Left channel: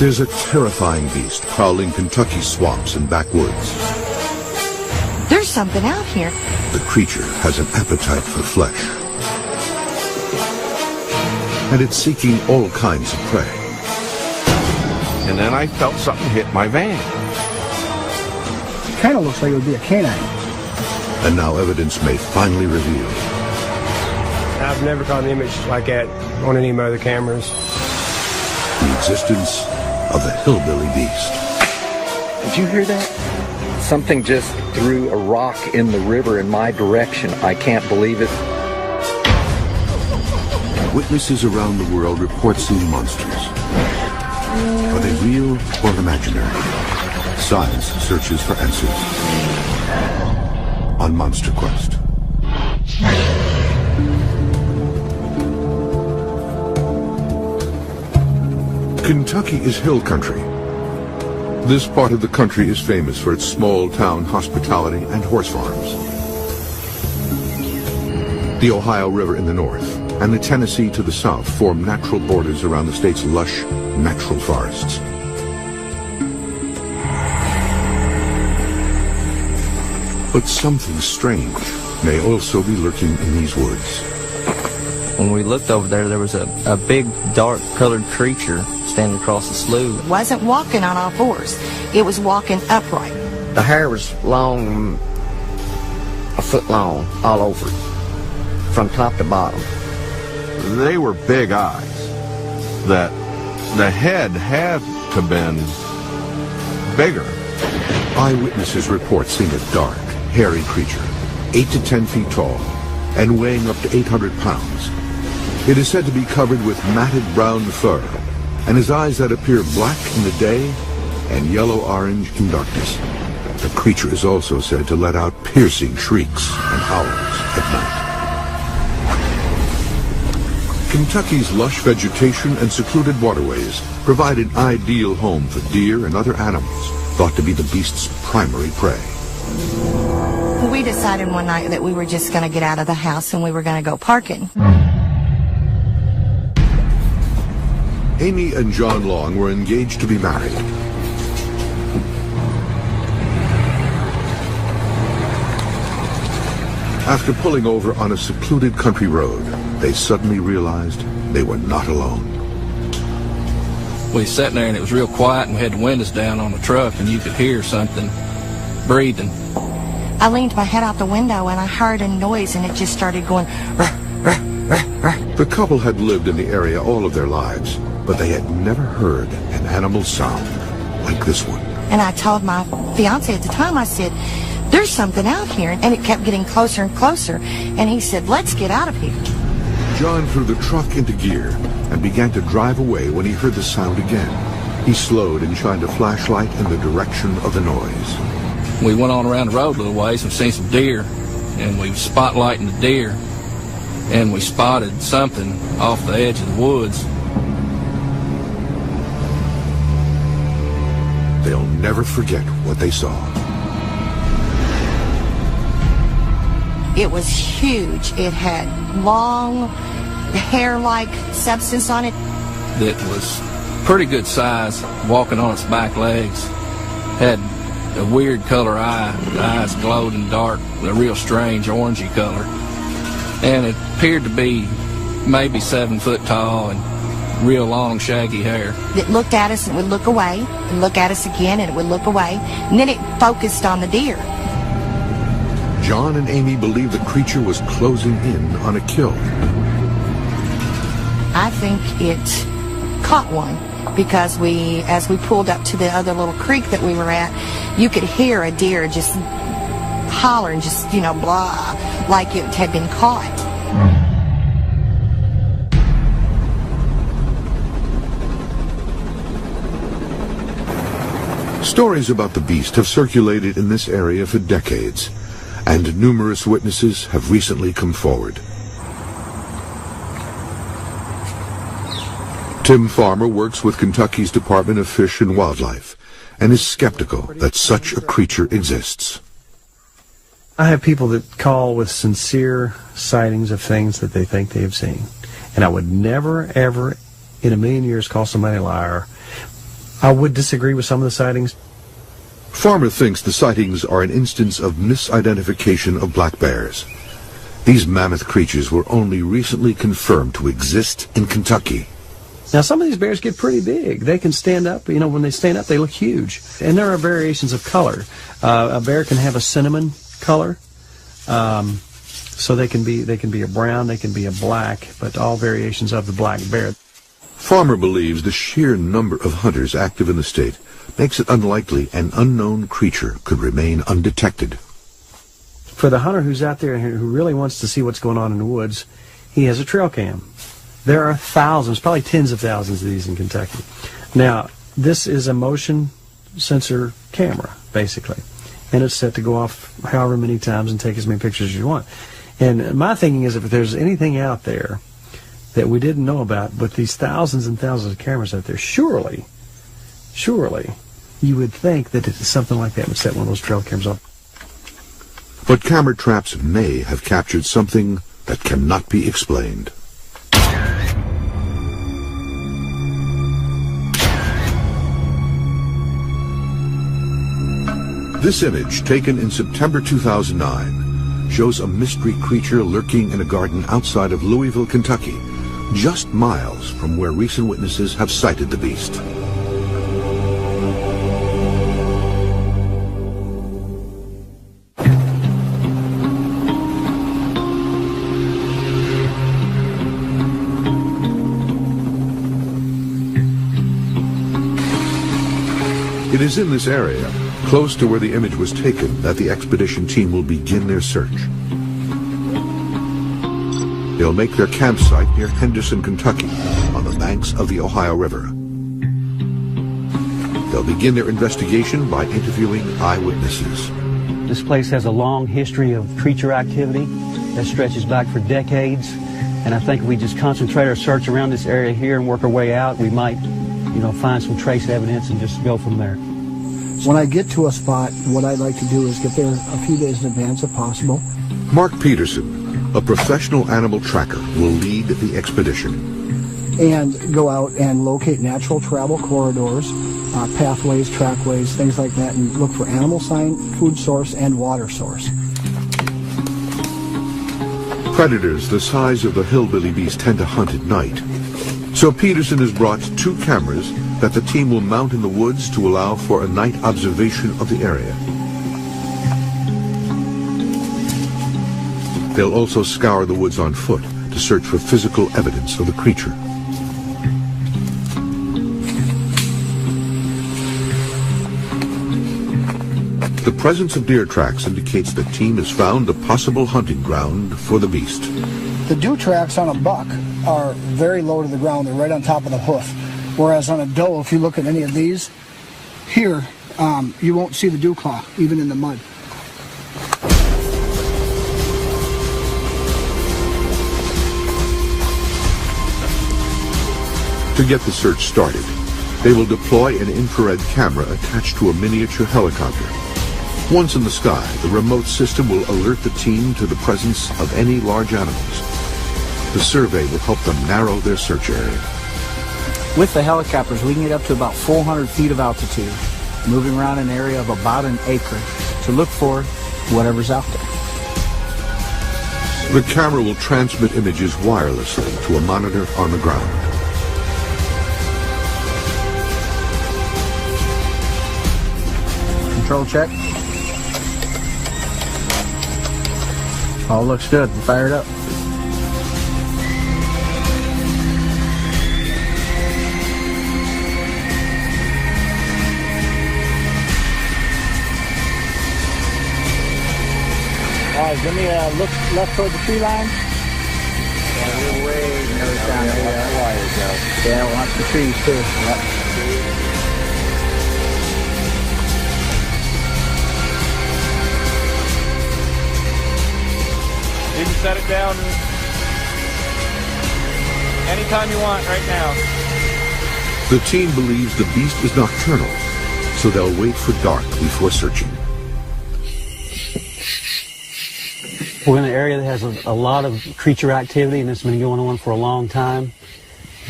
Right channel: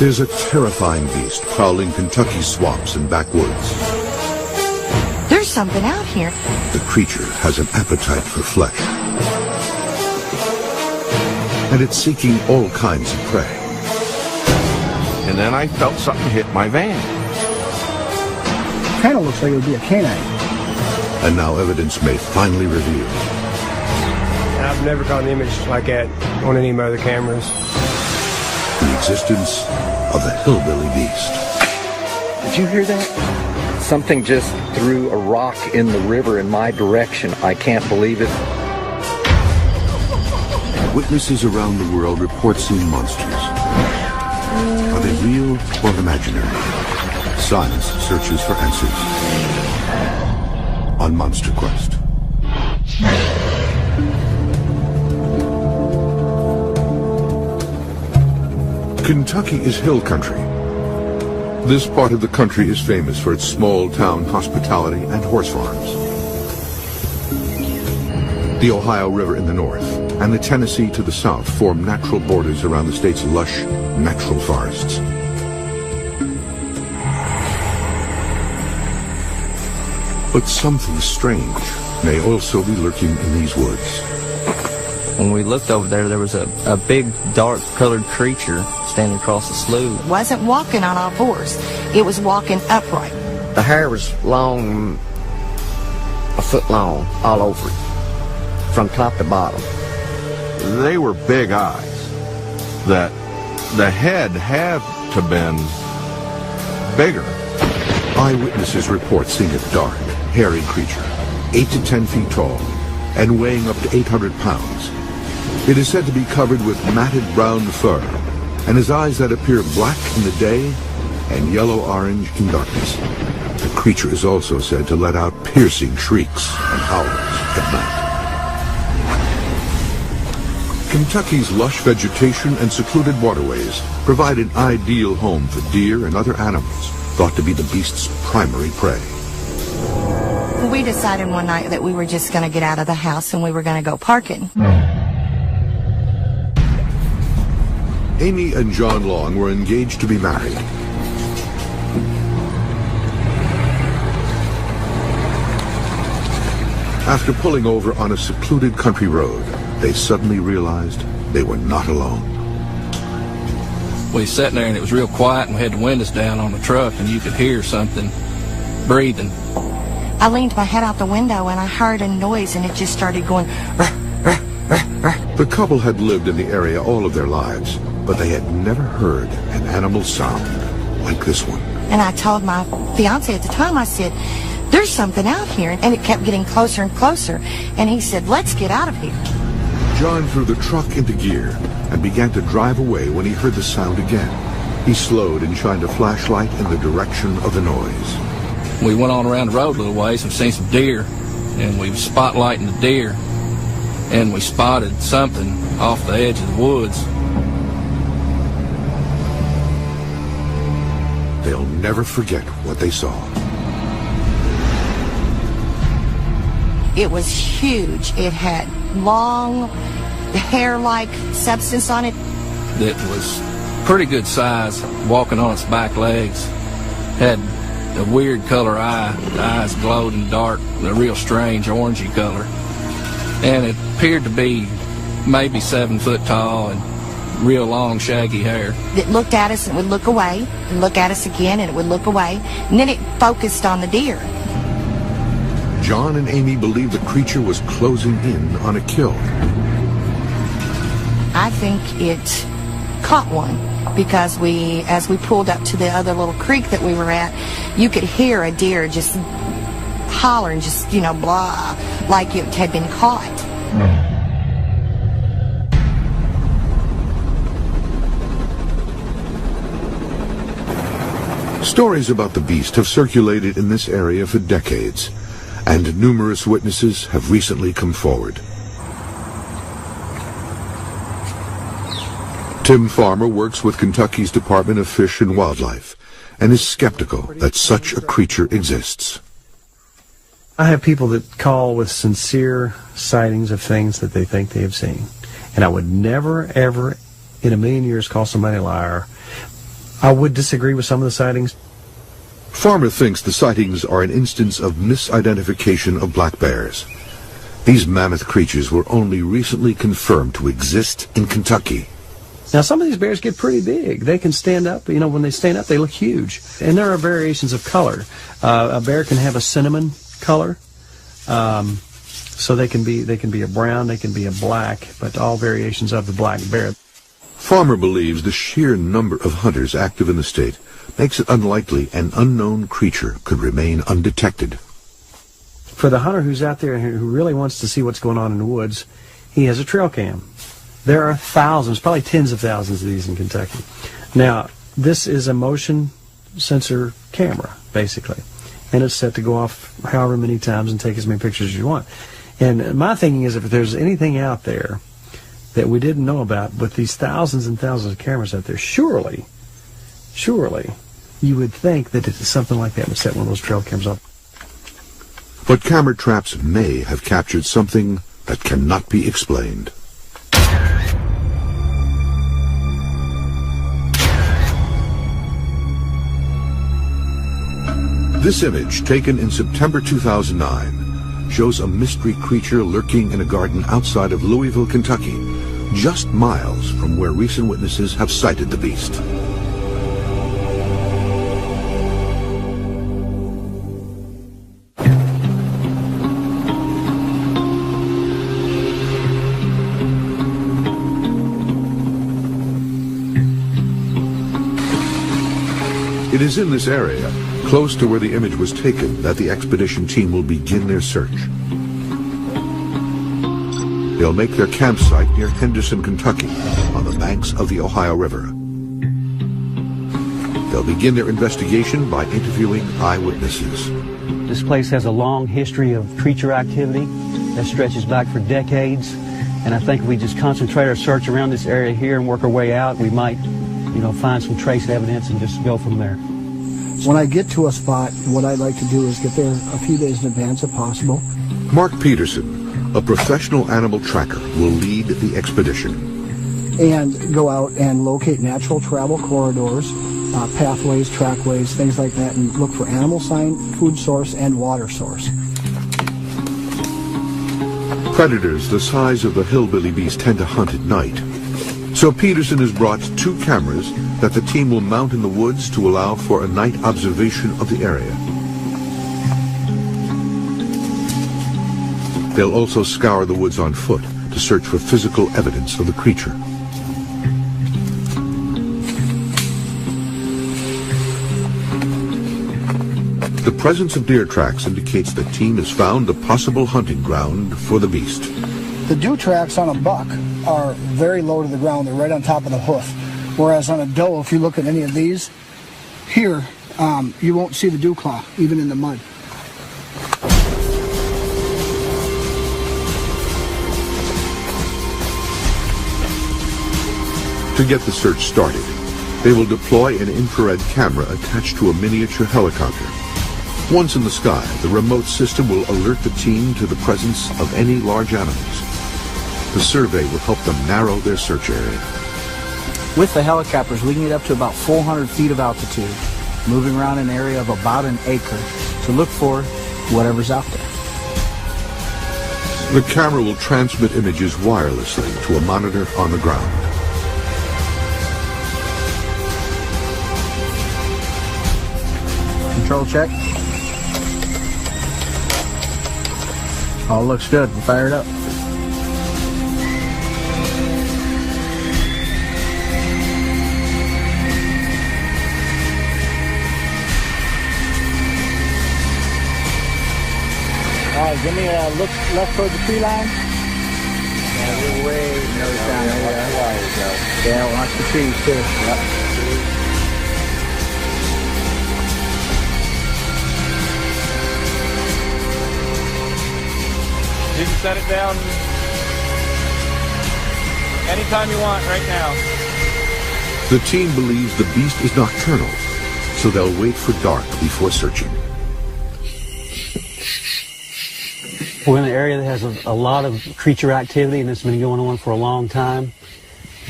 There's a terrifying beast prowling Kentucky's swamps and backwoods. There's something out here. The creature has an appetite for flesh. And it's seeking all kinds of prey. And then I felt something hit my van. Kind of looks like it would be a canine. And now evidence may finally reveal. I've never caught an image like that on any of my other cameras. The existence of a hillbilly beast. Did you hear that? Something just threw a rock in the river in my direction. I can't believe it. Witnesses around the world report seeing monsters. Are they real or imaginary? Science searches for answers on Monster Quest. Kentucky is hill country. This part of the country is famous for its small-town hospitality and horse farms. The Ohio River in the north and the Tennessee to the south form natural borders around the state's lush, natural forests. But something strange may also be lurking in these woods. When we looked over there, there was a big, dark-colored creature standing across the slough. It wasn't walking on all fours. It was walking upright. The hair was long, a foot long, all over it, from top to bottom. They were big eyes. That the head had to been bigger. Eyewitnesses report seeing a dark, hairy creature, 8 to 10 feet tall, and weighing up to 800 pounds. It is said to be covered with matted brown fur, and his eyes that appear black in the day and yellow-orange in darkness. The creature is also said to let out piercing shrieks and howls at night. Kentucky's lush vegetation and secluded waterways provide an ideal home for deer and other animals thought to be the beast's primary prey. We decided one night that we were just going to get out of the house and we were going to go parking. Amy and John Long were engaged to be married. After pulling over on a secluded country road, they suddenly realized they were not alone. We sat there and it was real quiet and we had the windows down on the truck and you could hear something breathing. I leaned my head out the window and I heard a noise and it just started going. The couple had lived in the area all of their lives, but they had never heard an animal sound like this one. And I told my fiance at the time, I said, there's something out here. And it kept getting closer and closer. And he said, let's get out of here. John threw the truck into gear and began to drive away when he heard the sound again. He slowed and shined a flashlight in the direction of the noise. We went on around the road a little ways and seen some deer, and we spotlighting the deer, and we spotted something off the edge of the woods. They'll never forget what they saw. It was huge. It had long, hair-like substance on it. That was pretty good size, walking on its back legs. Had a weird color eye. The eyes glowed in the dark, a real strange orangey color. And it appeared to be maybe 7 foot tall and real long, shaggy hair. It looked at us and would look away, and look at us again, and it would look away. And then it focused on the deer. John and Amy believed the creature was closing in on a kill. I think it caught one because as we pulled up to the other little creek that we were at, you could hear a deer just hollering, just, blah, like it had been caught. Stories about the beast have circulated in this area for decades, and numerous witnesses have recently come forward. Tim Farmer works with Kentucky's Department of Fish and Wildlife and is skeptical that such a creature exists. I have people that call with sincere sightings of things that they think they have seen. And I would never, ever in a million years call somebody a liar. I would disagree with some of the sightings. Farmer thinks the sightings are an instance of misidentification of black bears. These mammoth creatures were only recently confirmed to exist in Kentucky. Now, some of these bears get pretty big. They can stand up. You know, when they stand up, they look huge. And there are variations of color. A bear can have a cinnamon color. So they can be a brown, they can be a black, but all variations of the black bear. Farmer believes the sheer number of hunters active in the state makes it unlikely an unknown creature could remain undetected. For the hunter who's out there who really wants to see what's going on in the woods, he has a trail cam. There are thousands, probably tens of thousands of these in Kentucky. Now, this is a motion sensor camera, basically, and it's set to go off however many times and take as many pictures as you want. And my thinking is, if there's anything out there that we didn't know about, with these thousands and thousands of cameras out there, surely you would think that something like that would set one of those trail cams up. But camera traps may have captured something that cannot be explained. This image, taken in September 2009, shows a mystery creature lurking in a garden outside of Louisville, Kentucky, just miles from where recent witnesses have sighted the beast. It is in this area, close to where the image was taken, that the expedition team will begin their search. They'll make their campsite near Henderson, Kentucky, on the banks of the Ohio River. They'll begin their investigation by interviewing eyewitnesses. This place has a long history of creature activity that stretches back for decades, and I think if we just concentrate our search around this area here and work our way out, we might, find some trace evidence and just go from there. When I get to a spot, what I'd like to do is get there a few days in advance if possible. Mark Peterson, a professional animal tracker, will lead the expedition. And go out and locate natural travel corridors, pathways, trackways, things like that, and look for animal sign, food source, and water source. Predators the size of a hillbilly beast tend to hunt at night. So Peterson has brought 2 cameras that the team will mount in the woods to allow for a night observation of the area. They'll also scour the woods on foot to search for physical evidence of the creature. The presence of deer tracks indicates the team has found a possible hunting ground for the beast. The dew tracks on a buck are very low to the ground. They're right on top of the hoof. Whereas on a doe, if you look at any of these, here, you won't see the dew clot, even in the mud. To get the search started, they will deploy an infrared camera attached to a miniature helicopter. Once in the sky, the remote system will alert the team to the presence of any large animals. The survey will help them narrow their search area. With the helicopters, we can get up to about 400 feet of altitude, moving around an area of about an acre to look for whatever's out there. The camera will transmit images wirelessly to a monitor on the ground. Control check. All looks good. Fire it up. Give me a look left toward the tree line. Yeah, way down there. Yeah, watch the trees too. Yep. You can set it down anytime you want right now. The team believes the beast is nocturnal, so they'll wait for dark before searching. We're in an area that has a lot of creature activity, and it's been going on for a long time.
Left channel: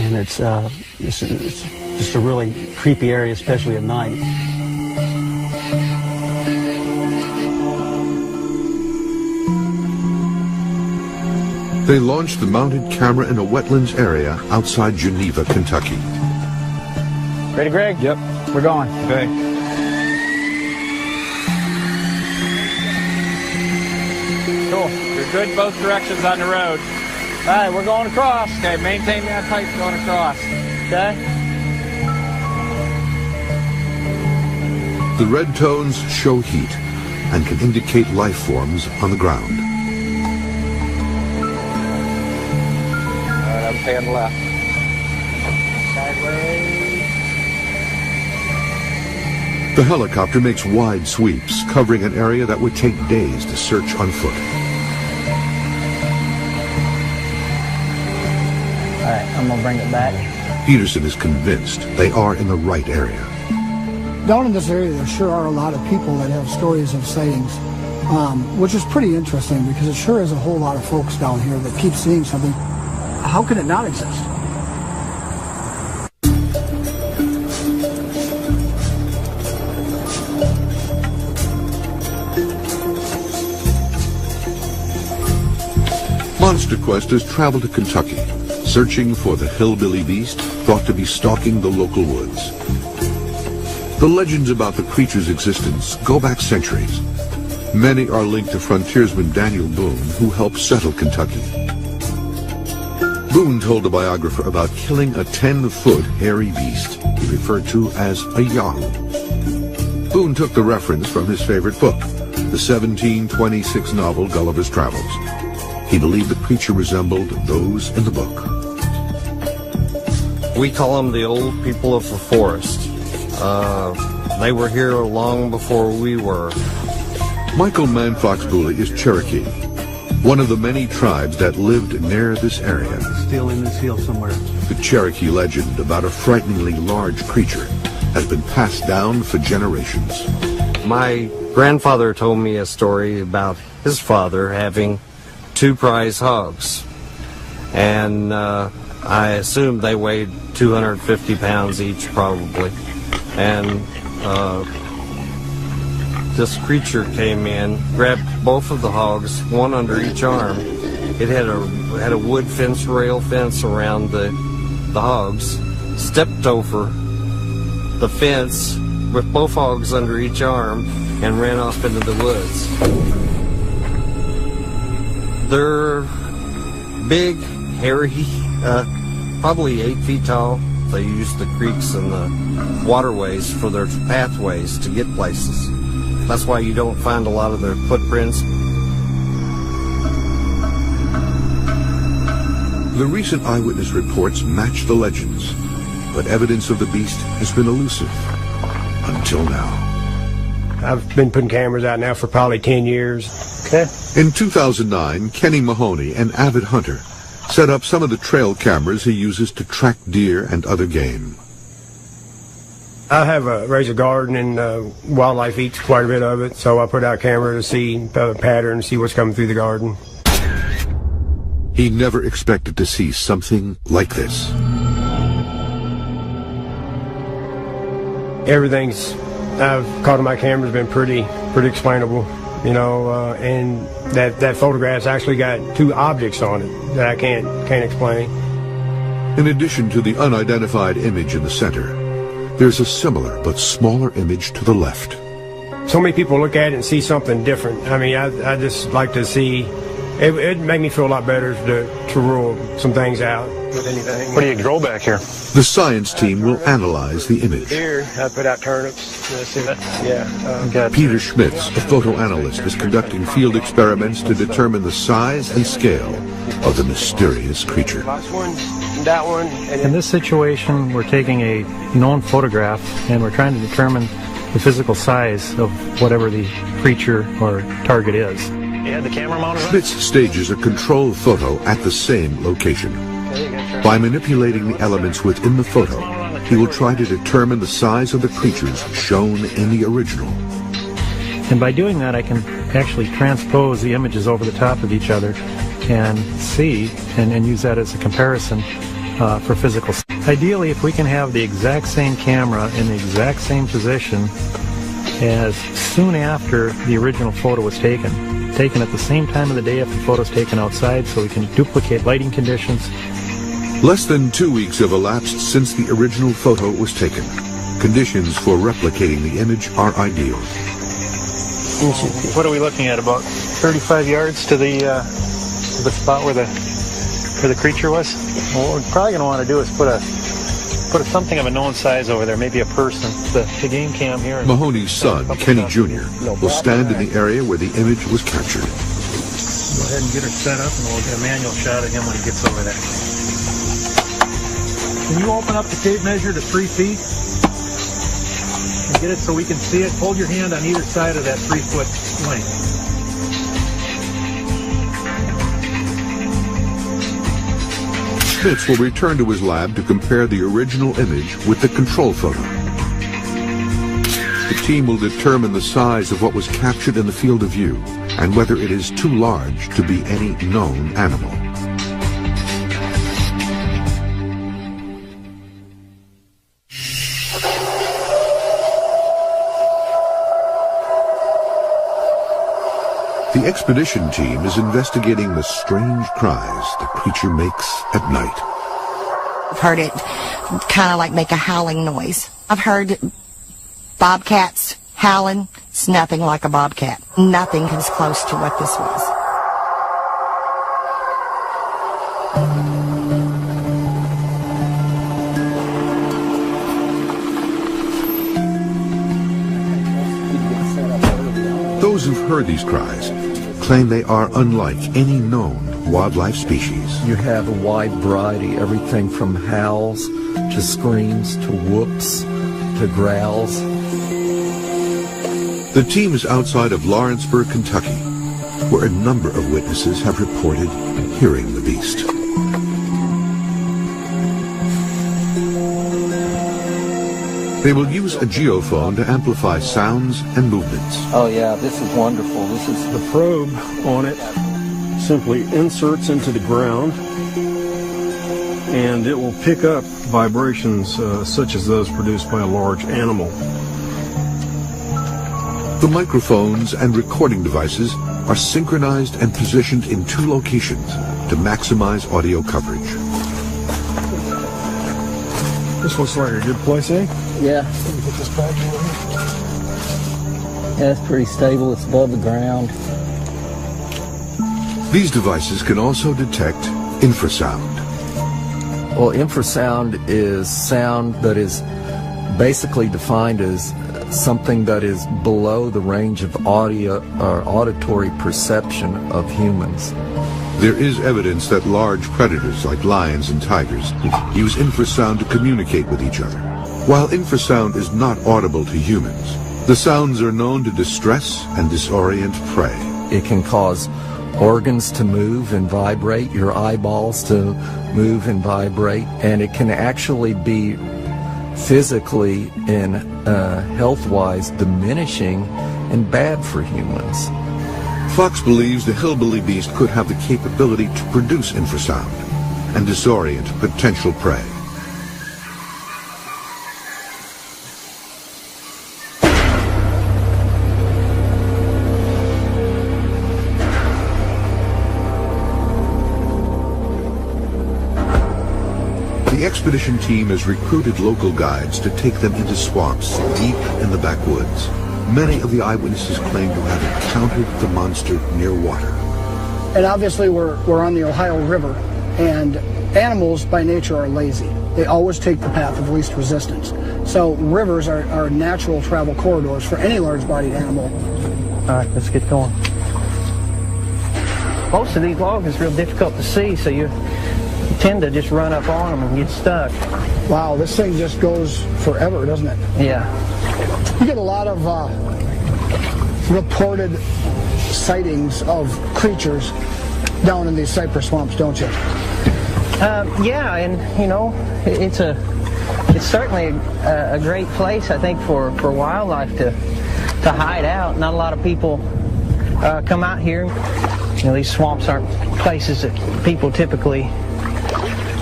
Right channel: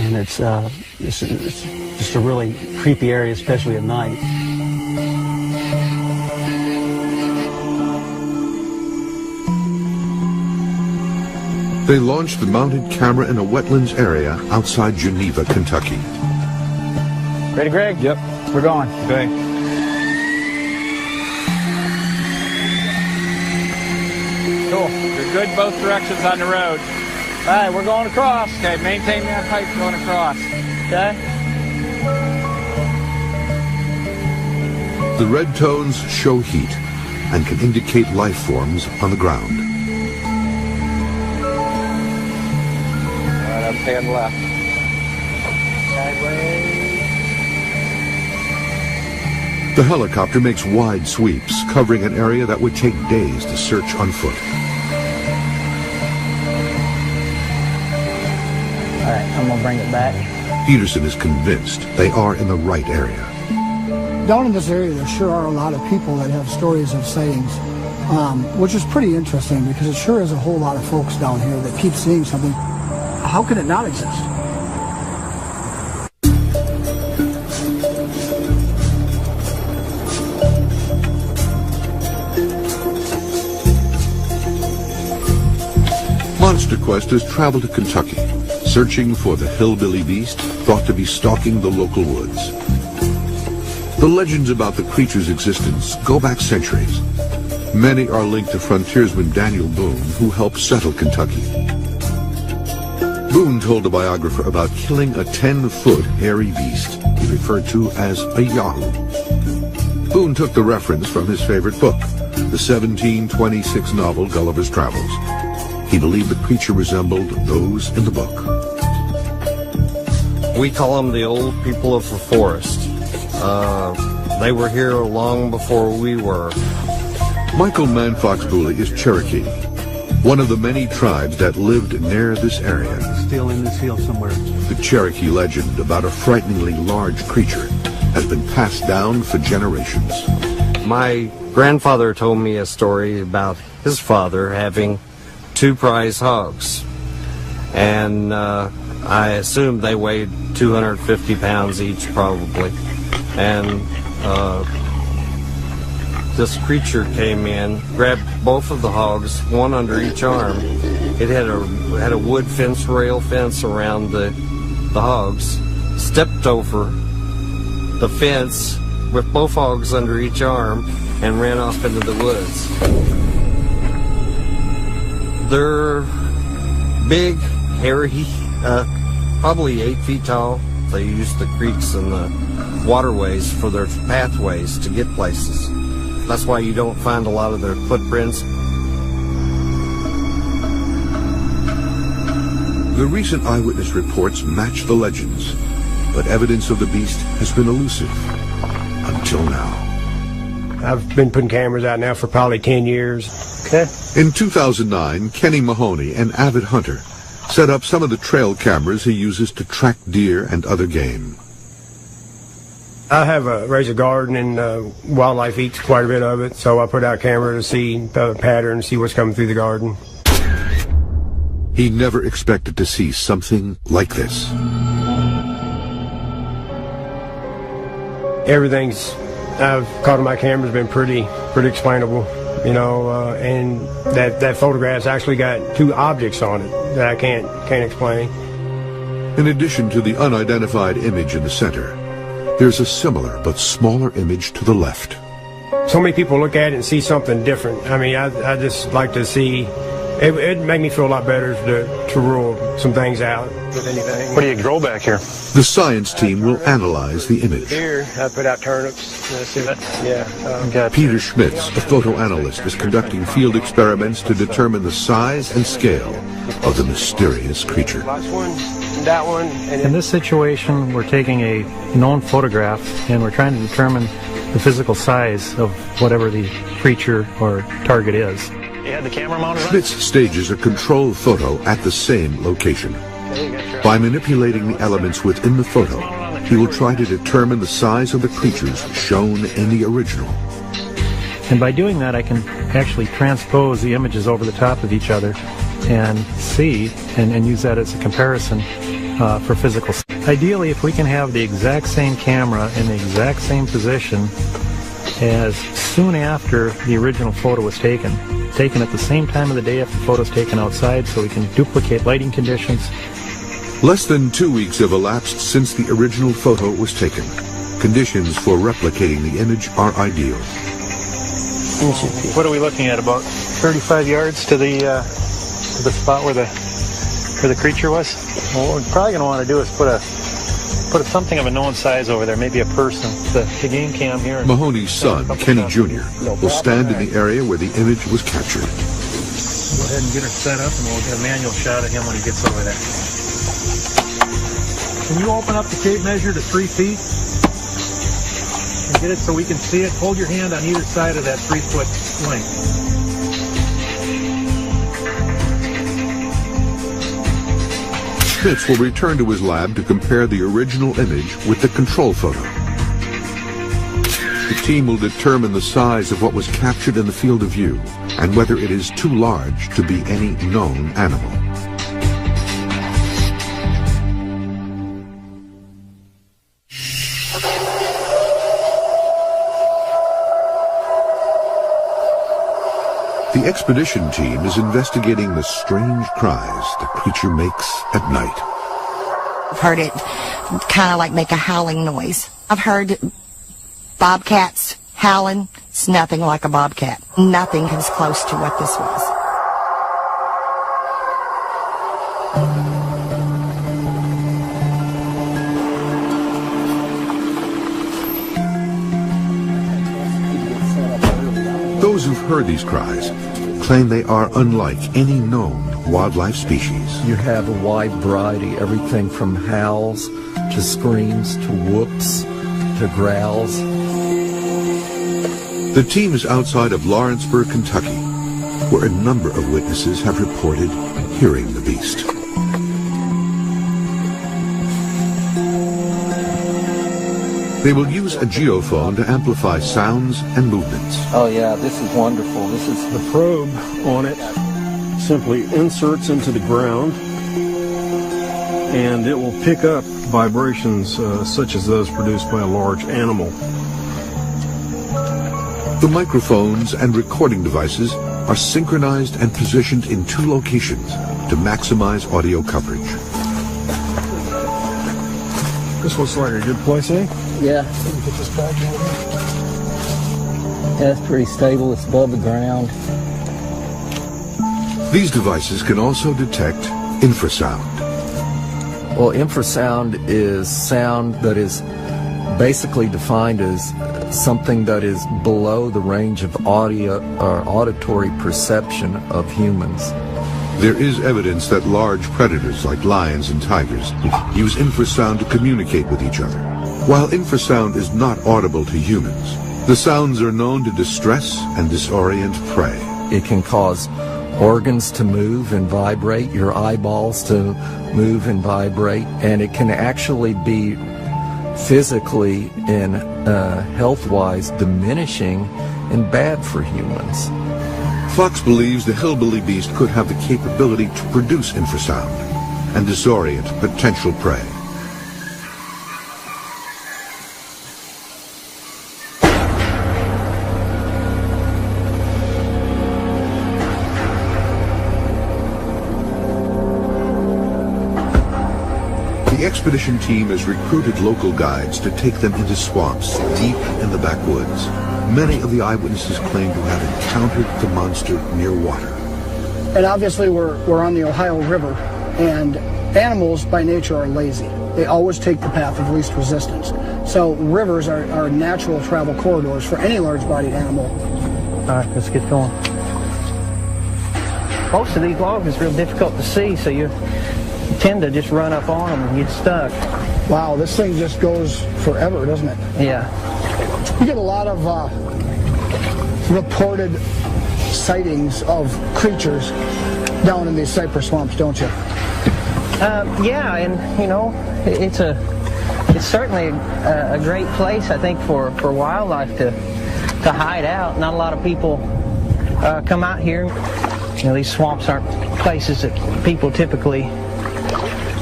and it's just a really creepy area, especially at night. They launched the mounted camera in a wetlands area outside Geneva, Kentucky. Ready, Greg? Yep. We're going. Okay. Cool. You're good both directions on the road. All right, we're going across. Okay, maintain that height going across. Okay. The red tones show heat and can indicate life forms on the ground. All right, I'm staying left. The helicopter makes wide sweeps, covering an area that would take days to search on foot. All right, I'm going to bring it back. Peterson is convinced they are in the right area. Down in this area, there sure are a lot of people that have stories of sightings, which is pretty interesting because it sure is a whole lot of folks down here that keep seeing something. How can it not exist? Monster Quest has traveled to Kentucky, searching for the hillbilly beast thought to be stalking the local woods. The legends about the creature's existence go back centuries. Many are linked to frontiersman Daniel Boone, who helped settle Kentucky. Boone told a biographer about killing a 10-foot hairy beast he referred to as a yahoo. Boone took the reference from his favorite book, the 1726 novel Gulliver's Travels. He believed the creature resembled those in the book. We call them the old people of the forest. They were here long before we were. Michael Manfox-Booley is Cherokee, one of the many tribes that lived near this area. Still in this field somewhere. The Cherokee legend about a frighteningly large creature has been passed down for generations. My grandfather told me a story about his father having 2 prize hogs, and I assumed they weighed 250 pounds each, probably. And this creature came in, grabbed both of the hogs, one under each arm. It had a wood fence, rail fence around the hogs. Stepped over the fence with both hogs under each arm and ran off into the woods. They're big, hairy, probably 8 feet tall. They use the creeks and the waterways for their pathways to get places. That's why you don't find a lot of their footprints. The recent eyewitness reports match the legends, but evidence of the beast has been elusive until now. I've been putting cameras out now for probably 10 years. Okay. In 2009, Kenny Mahoney, an avid hunter, set up some of the trail cameras he uses to track deer and other game. I have raised a garden and wildlife eats quite a bit of it, so I put out a camera to see patterns, see what's coming through the garden. He never expected to see something like this. Everything's I've caught on my camera has been pretty explainable, you know, and that photograph's actually got 2 objects on it that I can't explain. In addition to the unidentified image in the center, there's a similar but smaller image to the left. So many people look at it and see something different. I mean, I just like to see. It'd make me feel a lot better to rule some things out with anything. What do you grow back here? The science team will analyze the image. Deer, I put out turnips. Peter Schmitz, a photo analyst, is conducting field experiments to determine the size and scale of the mysterious creature. That one. In this situation, we're taking a known photograph and we're trying to determine the physical size of whatever the creature or target is. The camera monitor. Schmitz stages a control photo at the same location. By manipulating the elements within the photo, he will try to determine the size of the creatures shown in the original. And by doing that, I can actually transpose the images over the top of each other and see and use that as a comparison for physical. Ideally, if we can have the exact same camera in the exact same position as soon after the original photo was taken at the same time of the day if the photo is taken outside, so we can duplicate lighting conditions. Less than 2 weeks have elapsed since the original photo was taken. Conditions for replicating the image are ideal. What are we looking at? About 35 yards to the spot where the creature was. What we're probably going to want to do is put something of a known size over there, maybe a person. The game cam here. Mahoney's son, Kenny Jr., will stand in the area where the image was captured. Go ahead and get her set up, and we'll get a manual shot of him when he gets over there. Can you open up the tape measure to 3 feet? And get it so we can see it? Hold your hand on either side of that 3-foot length. Schmitz will return to his lab to compare the original image with the control photo. The team will determine the size of what was captured in the field of view and whether it is too large to be any known animal. The expedition team is investigating the strange cries the creature makes at night. I've heard it kind of like make a howling noise. I've heard bobcats howling. It's nothing like a bobcat. Nothing comes close to what this was. Those who've heard these cries claim they are unlike any known wildlife species. You have a wide variety, everything from howls to screams to whoops to growls. The team is outside of Lawrenceburg, Kentucky, where a number of witnesses have reported hearing the beast. They will use a geophone to amplify sounds and movements. Oh yeah, this is wonderful. This is The probe on it simply inserts into the ground, and it will pick up vibrations such as those produced by a large animal. The microphones and recording devices are synchronized and positioned in 2 locations to maximize audio coverage. This looks like a good place, eh? Yeah. Yeah, it's pretty stable. It's above the ground. These devices can also detect infrasound. Well, infrasound is sound that is basically defined as something that is below the range of audio or auditory perception of humans. There is evidence that large predators like lions and tigers use infrasound to communicate with each other. While infrasound is not audible to humans, the sounds are known to distress and disorient prey. It can cause organs to move and vibrate, your eyeballs to move and vibrate, and it can actually be physically and health-wise diminishing and bad for humans. Fox believes the hillbilly beast could have the capability to produce infrasound and disorient potential prey. The expedition team has recruited local guides to take them into swamps deep in the backwoods. Many of the eyewitnesses claim to have encountered the monster near water. And obviously we're on the Ohio River, and animals by nature are lazy. They always take the path of least resistance. So rivers are natural travel corridors for any large-bodied animal. All right, let's get going. Most of these logs is real difficult to see, so you tend to just run up on them and get stuck. Wow, this thing just goes forever, doesn't it? Yeah. You get a lot of reported sightings of creatures down in these cypress swamps, don't you? Yeah, and you know, it's certainly a great place, I think, for wildlife to hide out. Not a lot of people come out here. You know, these swamps aren't places that people typically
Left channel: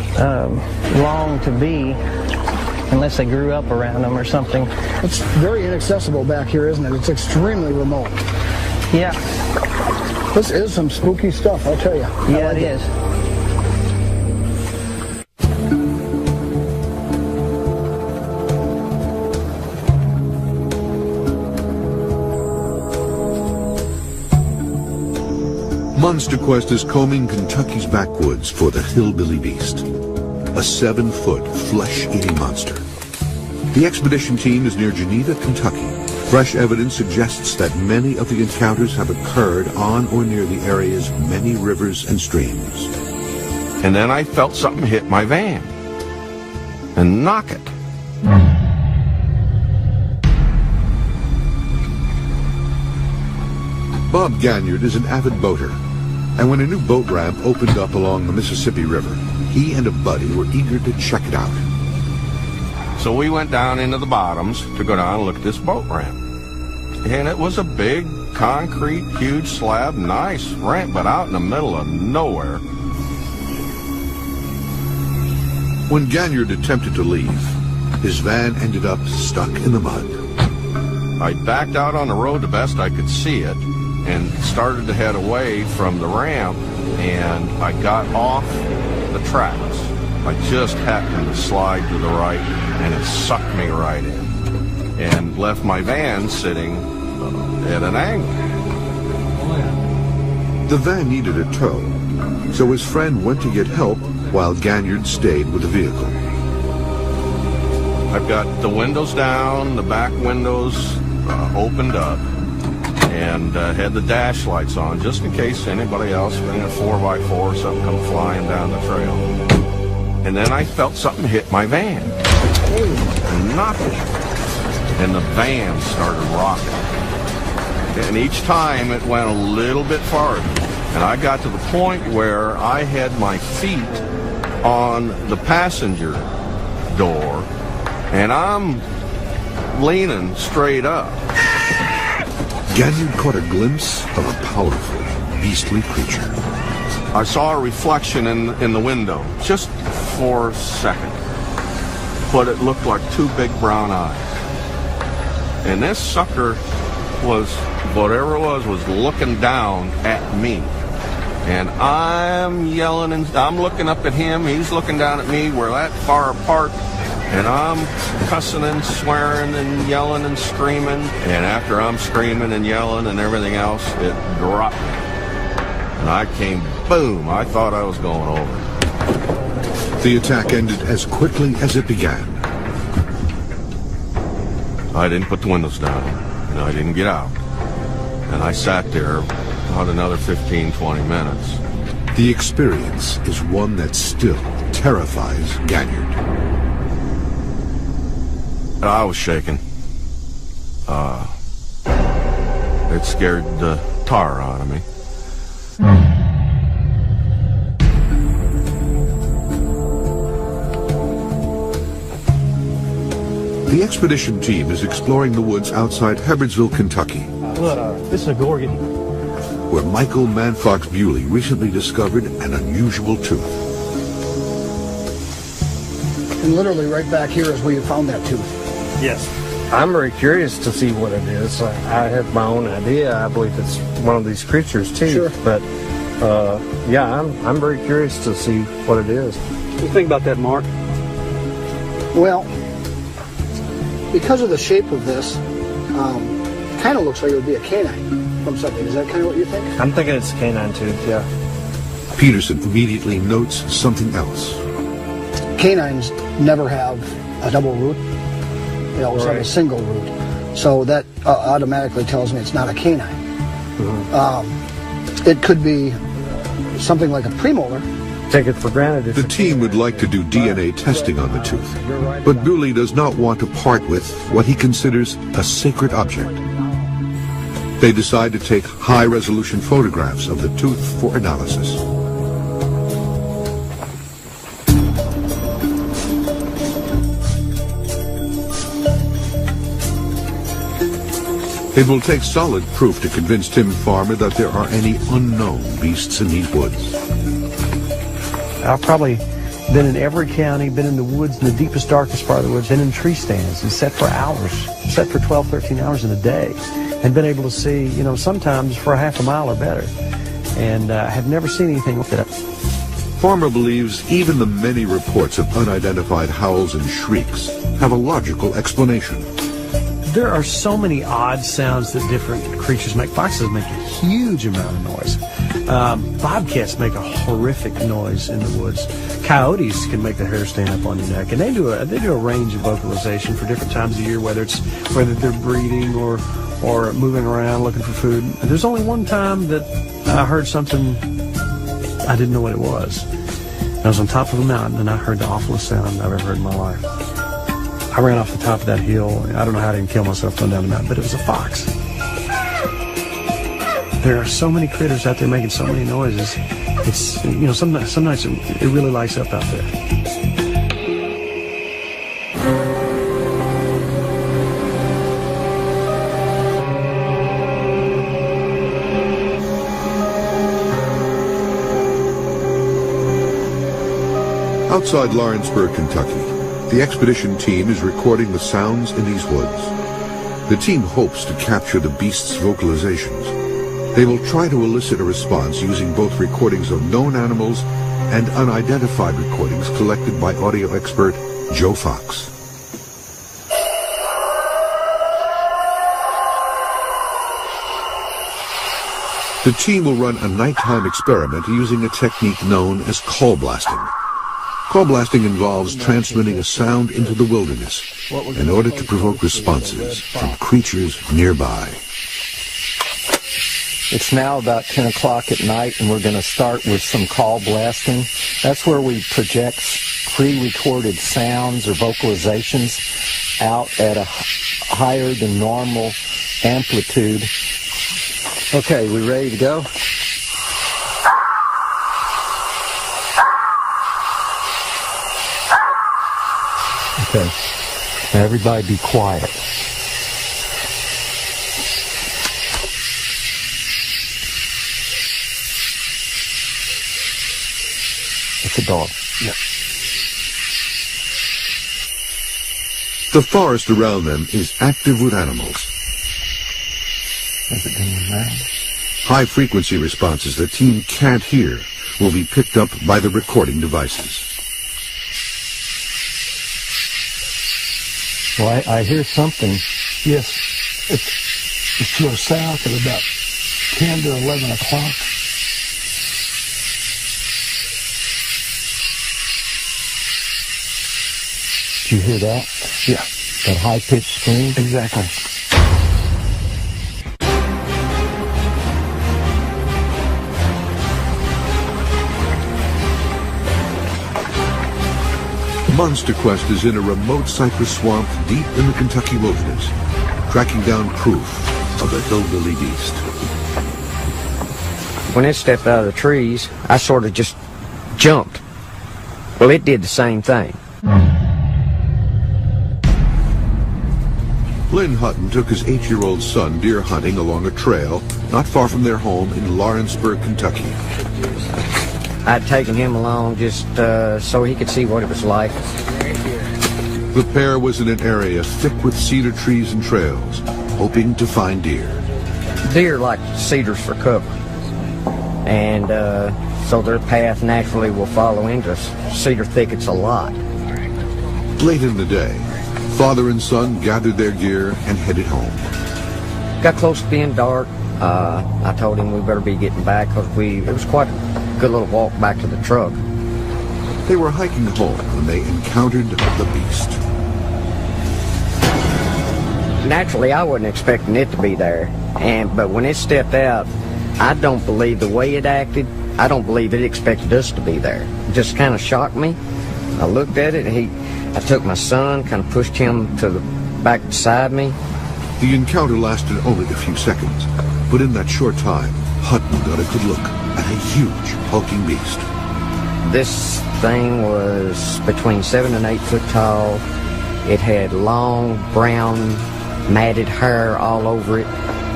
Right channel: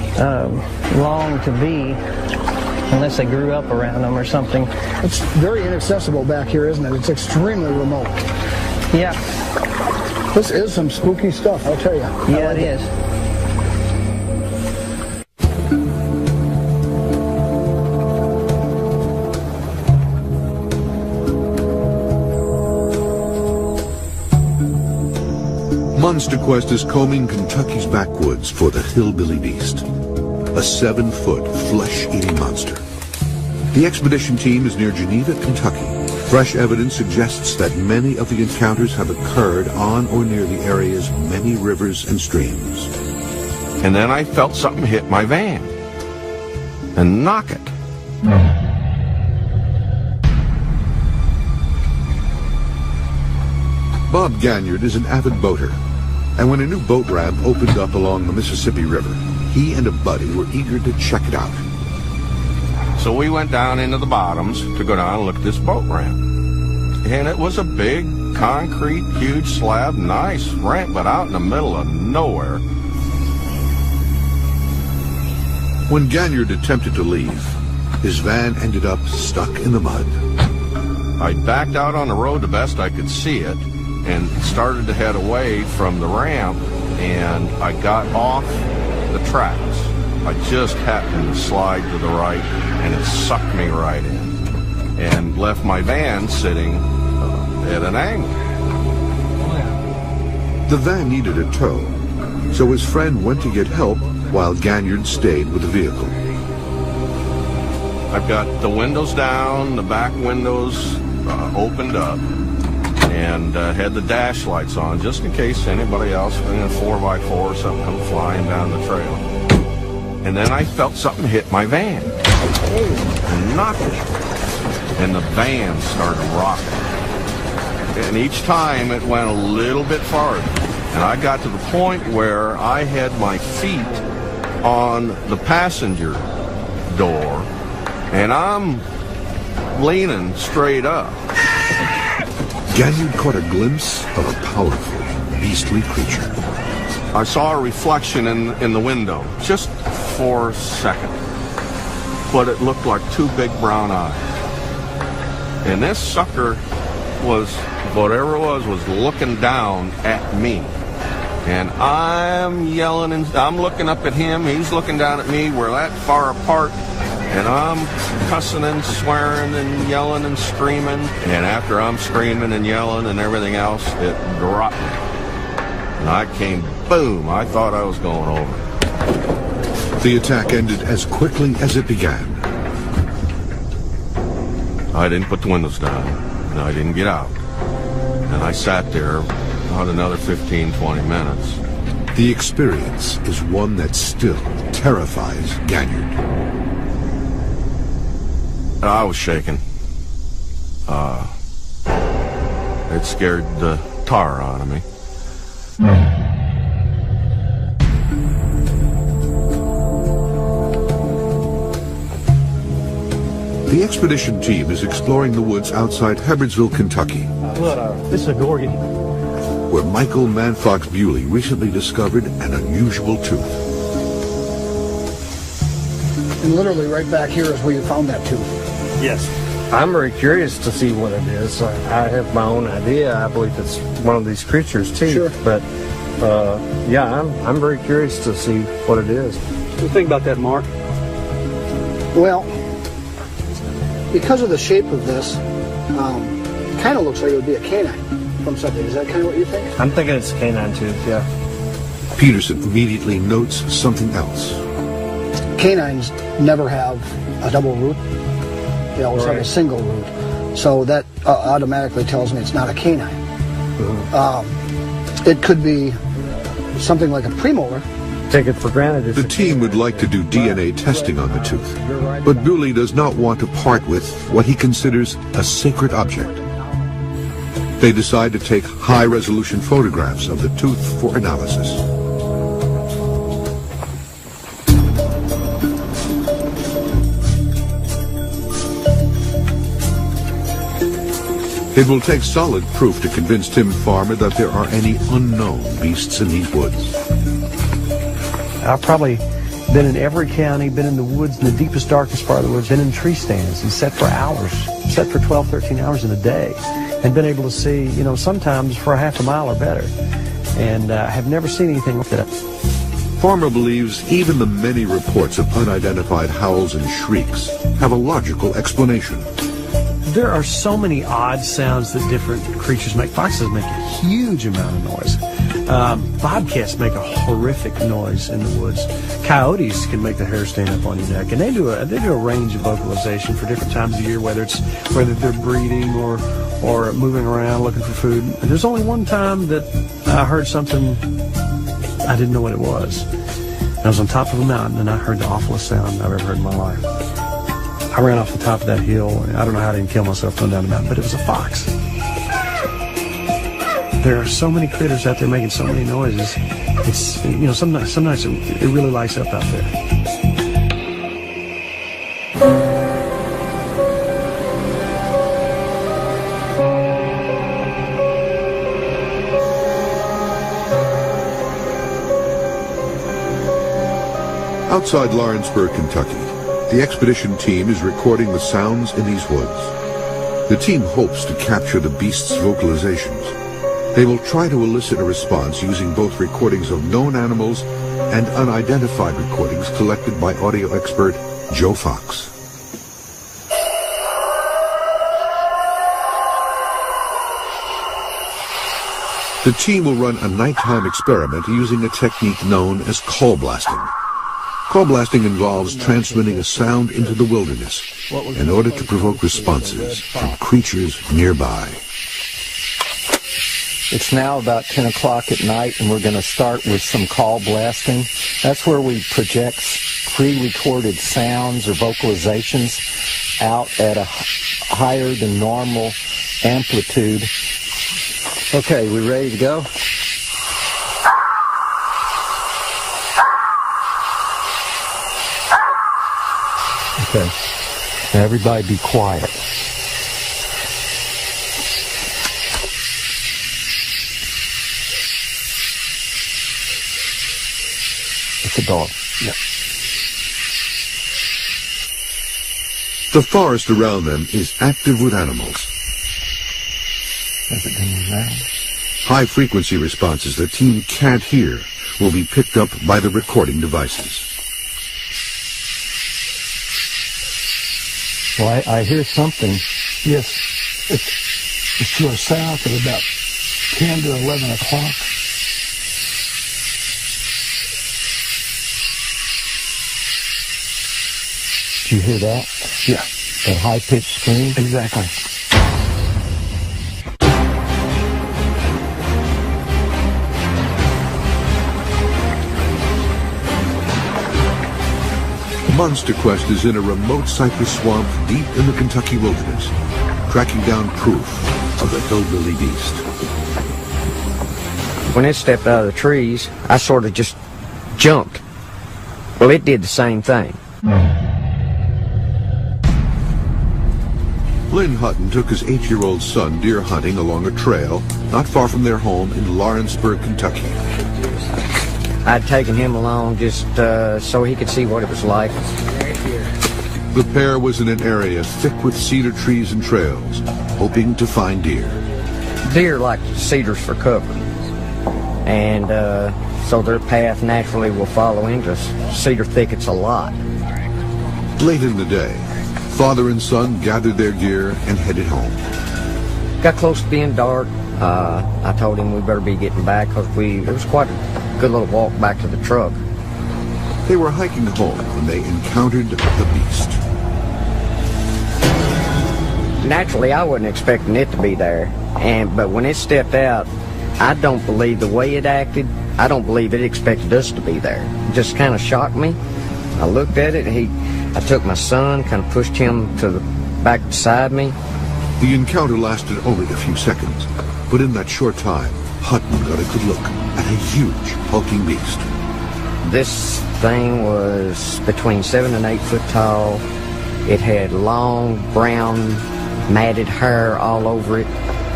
long to be unless they grew up around them or something. It's very inaccessible back here, isn't it? It's extremely remote. Yeah. This is some spooky stuff, I'll tell you. Yeah, it is. Monster Quest is combing Kentucky's backwoods for the hillbilly beast, a 7-foot flesh-eating monster. The expedition team is near Geneva, Kentucky. Fresh evidence suggests that many of the encounters have occurred on or near the area's many rivers and streams. And then I felt something hit my van and knock it. Bob Ganyard is an avid boater, and when a new boat ramp opened up along the Mississippi River, he and a buddy were eager to check it out. So we went down into the bottoms to go down and look at this boat ramp. And it was a big, concrete, huge slab, nice ramp, but out in the middle of nowhere. When Ganyard attempted to leave, his van ended up stuck in the mud. I backed out on the road the best I could see it and started to head away from the ramp, and I got off the tracks. I just happened to slide to the right, and it sucked me right in and left my van sitting at an angle. The van needed a tow, so his friend went to get help while Ganyard stayed with the vehicle. I've got the windows down, the back windows opened up, and had the dash lights on just in case anybody else in a 4x4 or something come flying down the trail. And then I felt something hit my van and knocked it, and the van started rocking. And each time it went a little bit farther, and I got to the point where I had my feet on the passenger door, and I'm leaning straight up. Ganyard caught a glimpse of a powerful, beastly creature. I saw a reflection in the window, just for a second, but it looked like two big brown eyes. And this sucker was, whatever it was looking down at me. And I'm yelling, and I'm looking up at him, he's looking down at me, we're that far apart. And I'm cussing and swearing and yelling and screaming. And after I'm screaming and yelling and everything else, it dropped me. And I came, boom, I thought I was going over. The attack ended as quickly as it began. I didn't put the windows down, and I didn't get out. And I sat there about another 15, 20 minutes. The experience is one that still terrifies Ganyard. I was shaking. It scared the tar out of me. The expedition team is exploring the woods outside Hebbardsville, Kentucky, This is a Gorgon. where Michael Manfox Bewley recently discovered an unusual tooth. And literally right back here is where you found that tooth. Yes. I'm very curious to see what it is. I have my own idea. I believe it's one of these creatures too. Sure. But yeah, I'm very curious to see what it is. What do you think about that, Mark? Well, because of the shape of this, kind of looks like it would be a canine from something. Is that kind of what you think? I'm thinking it's canine tooth, yeah. Peterson immediately notes something else. Canines never have a double root. They always have a single root. So that automatically tells me it's not a canine. It could be something like a premolar. Take it for granted. The team would like to do DNA testing on the tooth, but Bewley does not want to part with what he considers a sacred object. They decide to take high-resolution photographs of the tooth for analysis. It will take solid proof to convince Tim Farmer that there are any unknown beasts in these woods. I'll probably Been in every county, been in the woods, in the deepest, darkest part of the woods, been in tree stands and sat for hours, sat for 12, 13 hours in a day, and been able to see, you know, sometimes for a half a mile or better. And have never seen anything like that. Farmer believes even the many reports of unidentified howls and shrieks have a logical explanation. There are so many odd sounds that different creatures make. Foxes make a huge amount of noise. Bobcats make a horrific noise in the woods. Coyotes can make the hair stand up on your neck, and they do a range of vocalization for different times of year, whether they're breeding or moving around looking for food. There's only one time that I heard something I didn't know what it was. I was on top of a mountain and I heard the awfulest sound I've ever heard in my life. I ran off the top of that hill. I don't know how I didn't kill myself going down the mountain, but it was a fox. There are so many critters out there making so many noises. It's, you know, some nights it really lights up out there. Outside Lawrenceburg, Kentucky, the expedition team is recording the sounds in these woods. The team hopes to capture the beast's vocalizations. They will try to elicit a response using both recordings of known animals and unidentified recordings collected by audio expert Joe Fox. The team will run a nighttime experiment using a technique known as call blasting. Call blasting involves transmitting a sound into the wilderness in order to provoke responses from creatures nearby. It's now about 10 o'clock at night, and we're going to start with some call blasting. That's where we project pre-recorded sounds or vocalizations out at a higher than normal amplitude. Okay, we ready to go? Okay. Now everybody be quiet. It's a dog. Yeah. The forest around them is active with animals. High-frequency responses the team can't hear will be picked up by the recording devices. Well, I hear something. Yes. It's to the south at about 10 to 11 o'clock. Do you hear that? Yeah. The high-pitched scream? Exactly. Monster Quest is in a remote cypress swamp deep in the Kentucky wilderness, tracking down proof of the hillbilly beast. When it stepped out of the trees, I sort of just jumped. Well, it did the same thing. Lynn Hutton took his 8-year-old son deer hunting along a trail not far from their home in Lawrenceburg, Kentucky. I'd taken him along just so he could see what it was like. The pair was in an area thick with cedar trees and trails, hoping to find deer. Deer like cedars for cover, and so their path naturally will follow into cedar thickets a lot. Late in the day, father and son gathered their gear and headed home. Got close to being dark. I told him we better be getting back because it was quite a good little walk back to the truck. They were hiking home when they encountered the beast. Naturally, I wasn't expecting it to be there, but when it stepped out, I don't believe the way it acted. I don't believe it expected us to be there. It just kind of shocked me. I looked at it. I took my son, kind of pushed him to the back beside me. The encounter lasted only a few seconds, but in that short time, Hutton got a good look at a huge, hulking beast. This thing was between 7 and 8 foot tall. It had long, brown, matted hair all over it.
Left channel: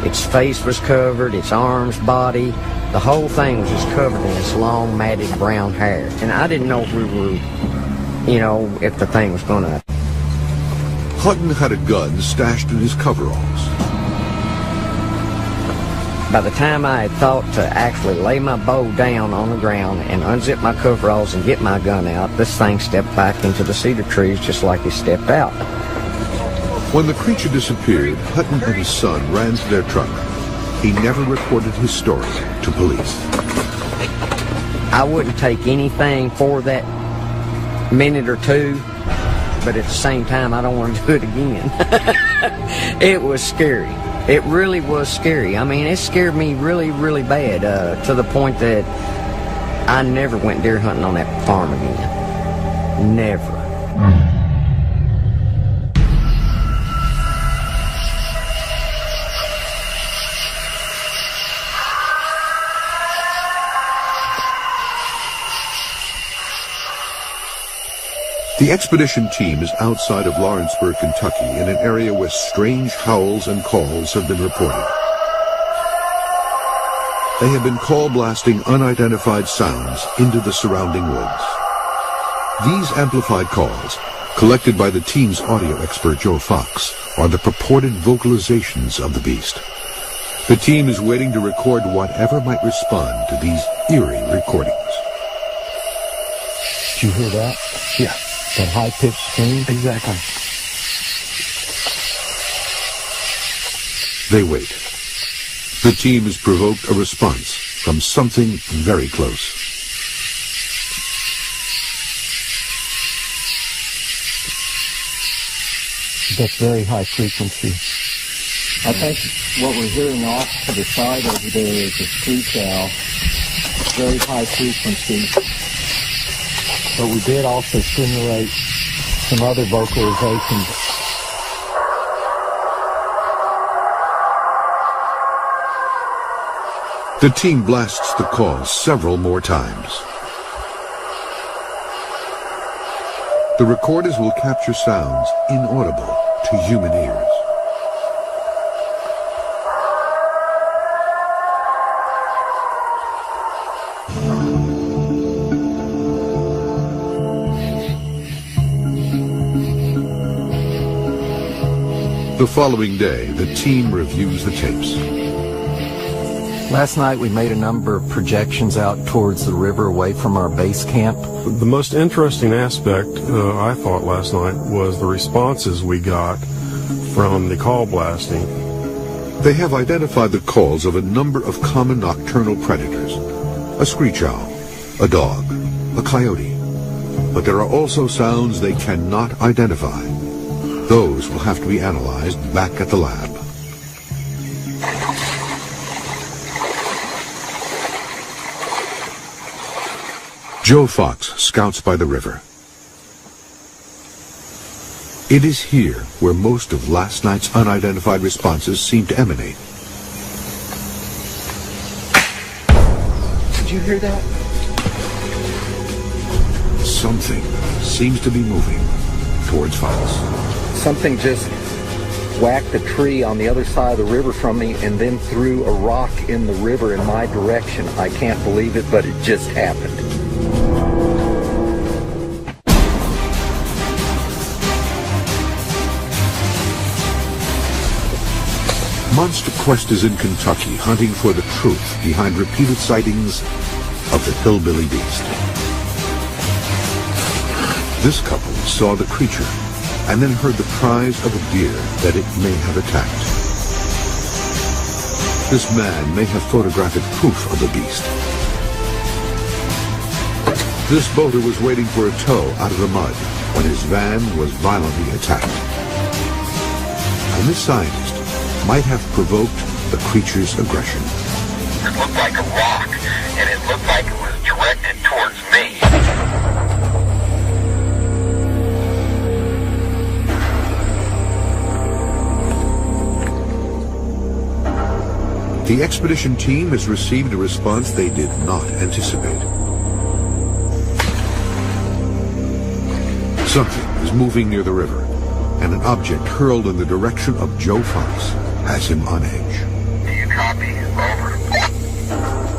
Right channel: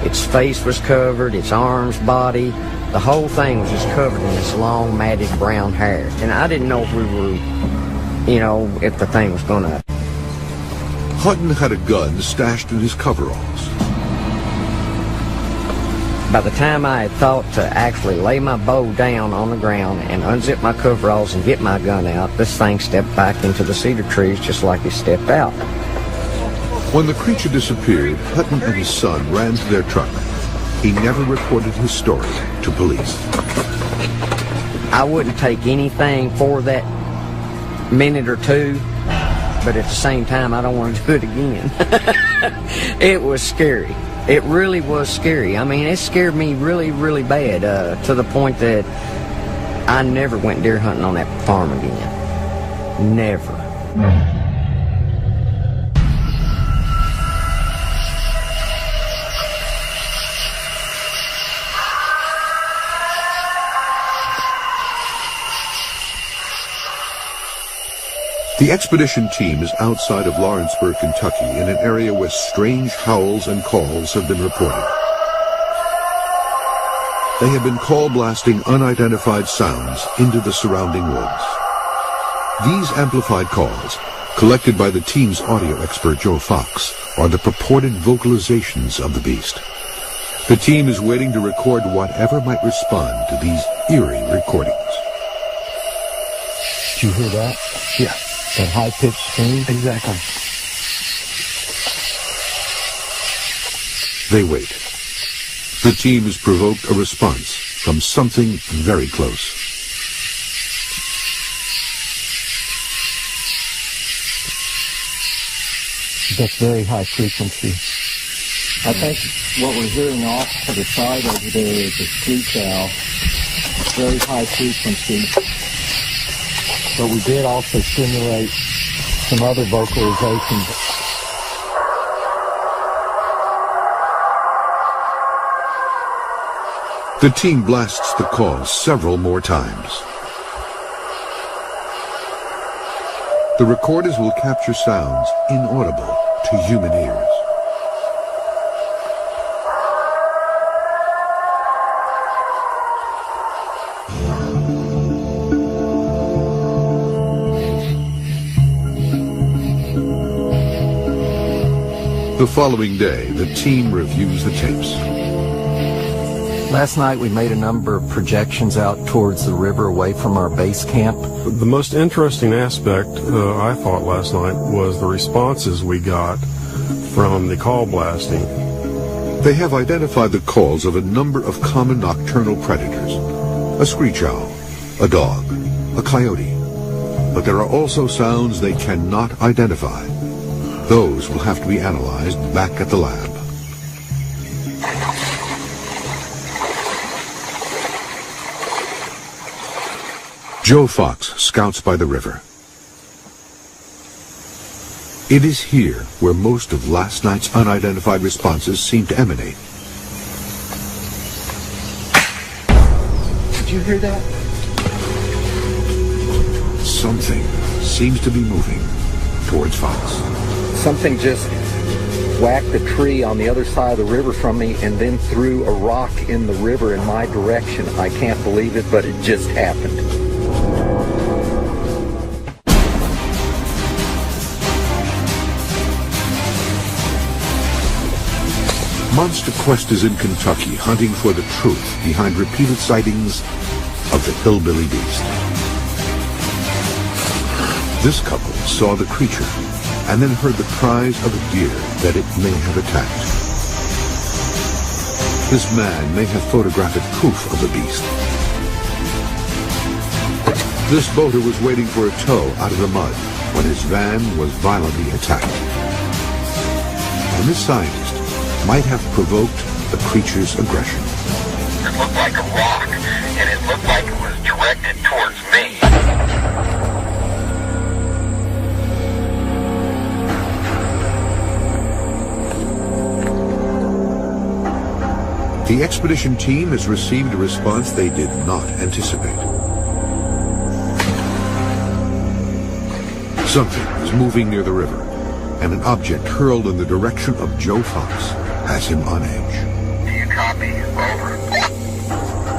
Its face was covered, its arms, body, the whole thing was just covered in this long, matted brown hair. And I didn't know if we were, if the thing was going to... Hutton had a gun stashed in his coveralls. By the time I had thought to actually lay my bow down on the ground and unzip my coveralls and get my gun out, this thing stepped back into the cedar trees just like he stepped out. When the creature disappeared, Hutton and his son ran to their truck. He never reported his story to police. I wouldn't take anything for that minute or two, but at the same time, I don't want to do it again. It was scary. It really was scary. I mean, it scared me really, really bad, to the point that I never went deer hunting on that farm again. Never. The expedition team is outside of Lawrenceburg, Kentucky, in an area where strange howls and calls have been reported. They have been call blasting unidentified sounds into the surrounding woods. These amplified calls, collected by the team's audio expert Joe Fox, are the purported vocalizations of the beast. The team is waiting to record whatever might respond to these eerie recordings. Did you hear that? Yeah. That high-pitched scream? Exactly. They wait. The team has provoked a response from something very close. That's very high frequency. I think what we're hearing out to the side over there is a screech owl. It's very high frequency. But we did also simulate some other vocalizations. The team blasts the calls several more times. The recorders will capture sounds inaudible to human ears. The following day, the team reviews the tapes. Last night we made a number of projections out towards the river away from our base camp. The most interesting aspect, I thought, last night was the responses we got from the call blasting. They have identified the calls of a number of common nocturnal predators. A screech owl, a dog, a coyote. But there are also sounds they cannot identify. Those will have to be analyzed back at the lab. Joe Fox scouts by the river. It is here where most of last night's unidentified responses seem to emanate. Did you hear that? Something seems to be moving towards Fox. Something just whacked a tree on the other side of the river from me and then threw a rock in the river in my direction. I can't believe it, but it just happened. Monster Quest is in Kentucky, hunting for the truth behind repeated sightings of the hillbilly beast. This couple saw the creature and then heard the cries of a deer that it may have attacked. This man may have photographic proof of the beast. This boater was waiting for a tow out of the mud when his van was violently attacked. And this scientist might have provoked the creature's aggression. It looked like a rock, and it looked like it was directed towards me. The expedition team has received a response they did not anticipate. Something is moving near the river, and an object hurled in the direction of Joe Fox has him on edge.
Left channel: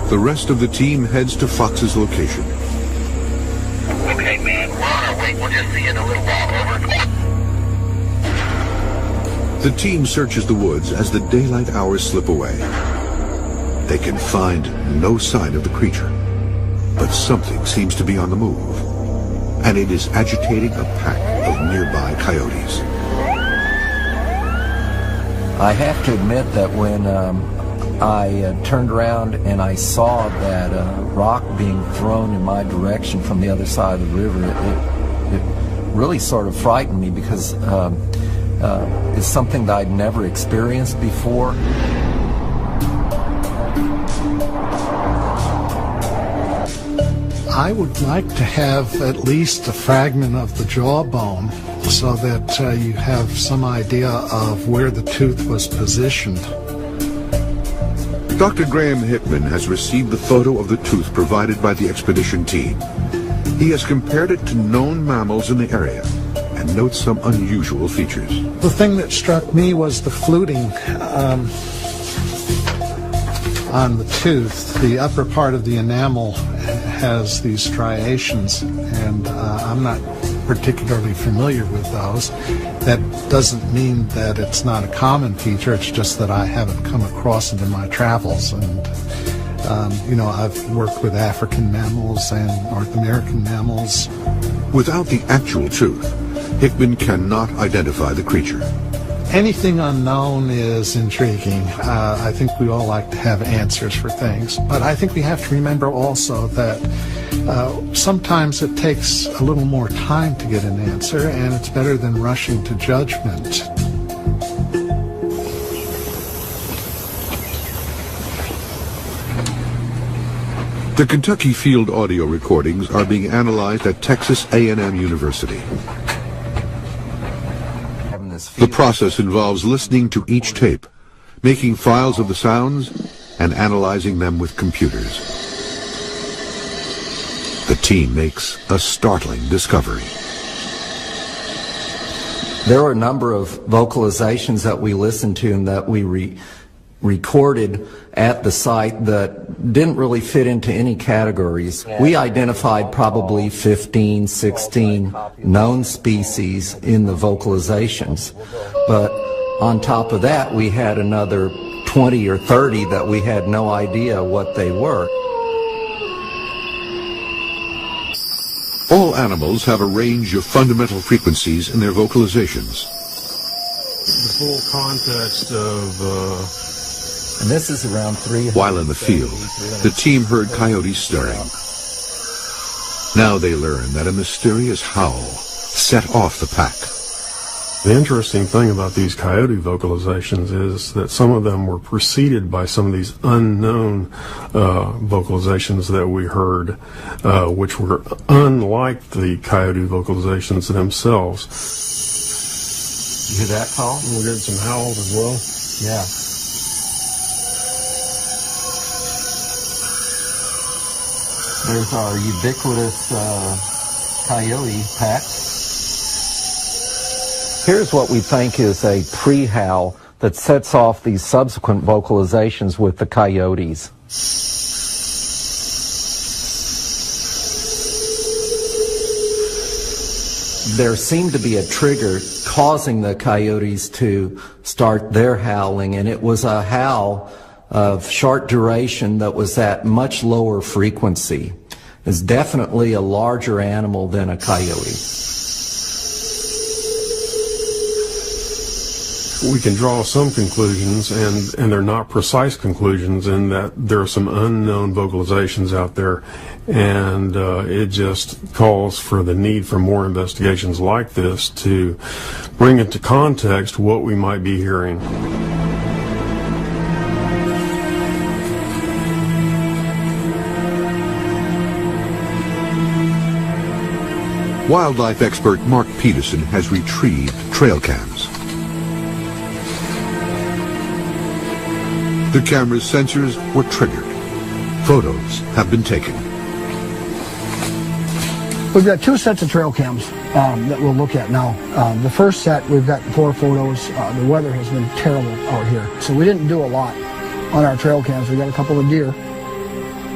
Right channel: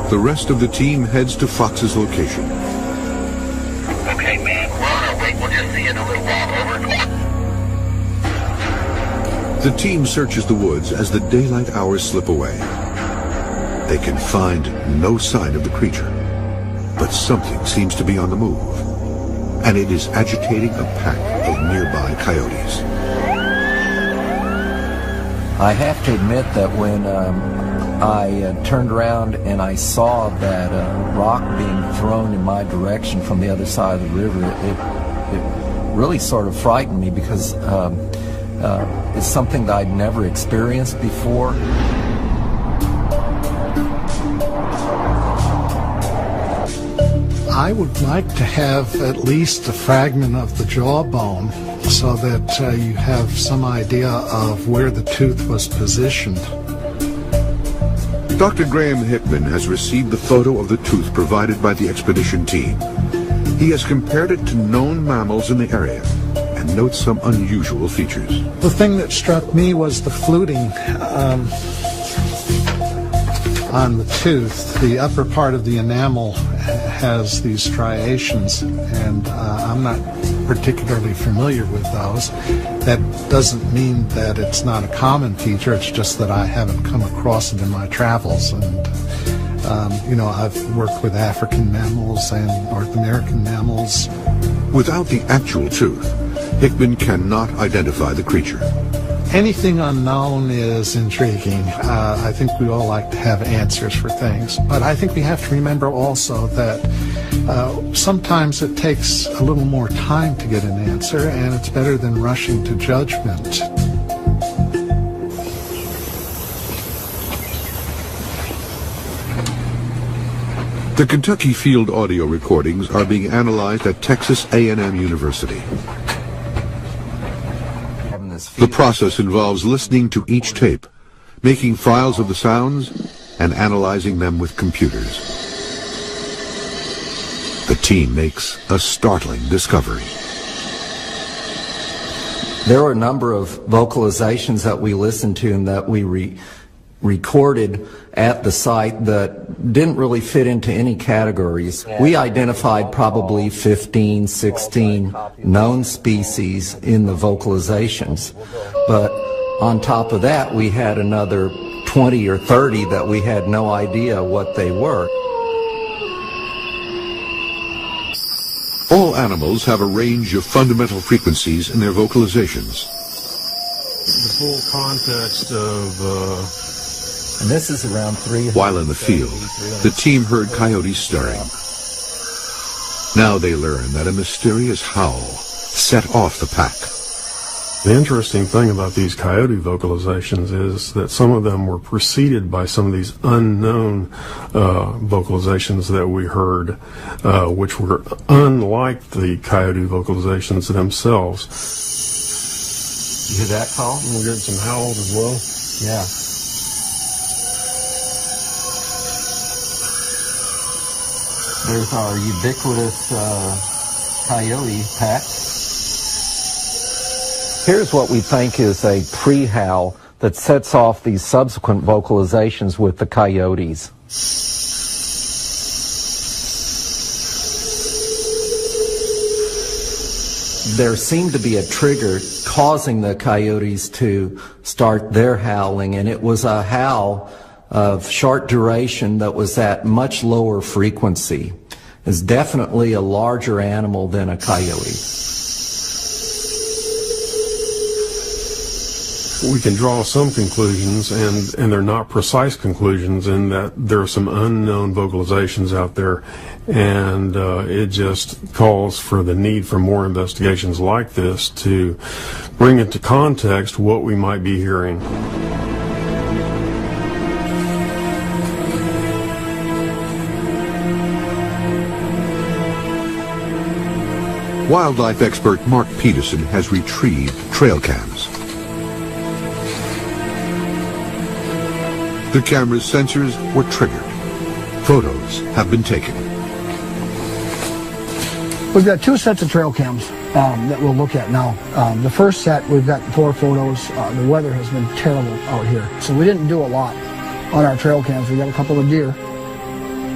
The rest of the team heads to Fox's location. Okay, man, we're on our way. We'll just see you in a little while. Over. The team searches the woods as the daylight hours slip away. They can find no sign of the creature, but something seems to be on the move, and it is agitating a pack of nearby coyotes. I have to admit that when I turned around and I saw that rock being thrown in my direction from the other side of the river, it really sort of frightened me because it's something that I'd never experienced before. I would like to have at least a fragment of the jawbone so that you have some idea of where the tooth was positioned. Dr. Graham Hickman has received the photo of the tooth provided by the expedition team. He has compared it to known mammals in the area and notes some unusual features. The thing that struck me was the fluting on the tooth. The upper part of the enamel has these striations, and I'm not particularly familiar with those. That doesn't mean that it's not a common feature, it's just that I haven't come across it in my travels. And I've worked with African mammals and North American mammals. Without the actual tooth, Hickman cannot identify the creature. Anything unknown is intriguing. I think we all like to have answers for things, but I think we have to remember also that sometimes it takes a little more time to get an answer, and it's better than rushing to judgment. The Kentucky field audio recordings are being analyzed at Texas A&M University. The process involves listening to each tape, making files of the sounds, and analyzing them with computers. The team makes a startling discovery. There were a number of vocalizations that we listened to and that we recorded at the site that didn't really fit into any categories. We identified probably 15, 16 known species in the vocalizations, but on top of that we had another 20 or 30 that we had no idea what they were. All animals have a range of fundamental frequencies in their vocalizations. The full context of and this is around 3. While in the field, the team heard coyotes stirring. Now they learn that a mysterious howl set off the pack. The interesting thing about these coyote vocalizations is that some of them were preceded by some of these unknown vocalizations that we heard, which were unlike the coyote vocalizations themselves. You hear that call? We heard some howls as well. Yeah. There's our ubiquitous coyote pack. Here's what we think is a pre-howl that sets off these subsequent vocalizations with the coyotes. There seemed to be a trigger causing the coyotes to start their howling, and it was a howl of short duration that was at much lower frequency. It's definitely a larger animal than a coyote. We can draw some conclusions, and they're not precise conclusions, in that there are some unknown vocalizations out there, and it just calls for the need for more investigations like this to bring into context what we might be hearing. Wildlife expert Mark Peterson has retrieved trail cams. The camera's sensors were triggered. Photos have been taken. We've got 2 sets of trail cams that we'll look at now. The first set, we've got 4 photos. The weather has been terrible out here, so we didn't do a lot on our trail cams. We got a couple of deer.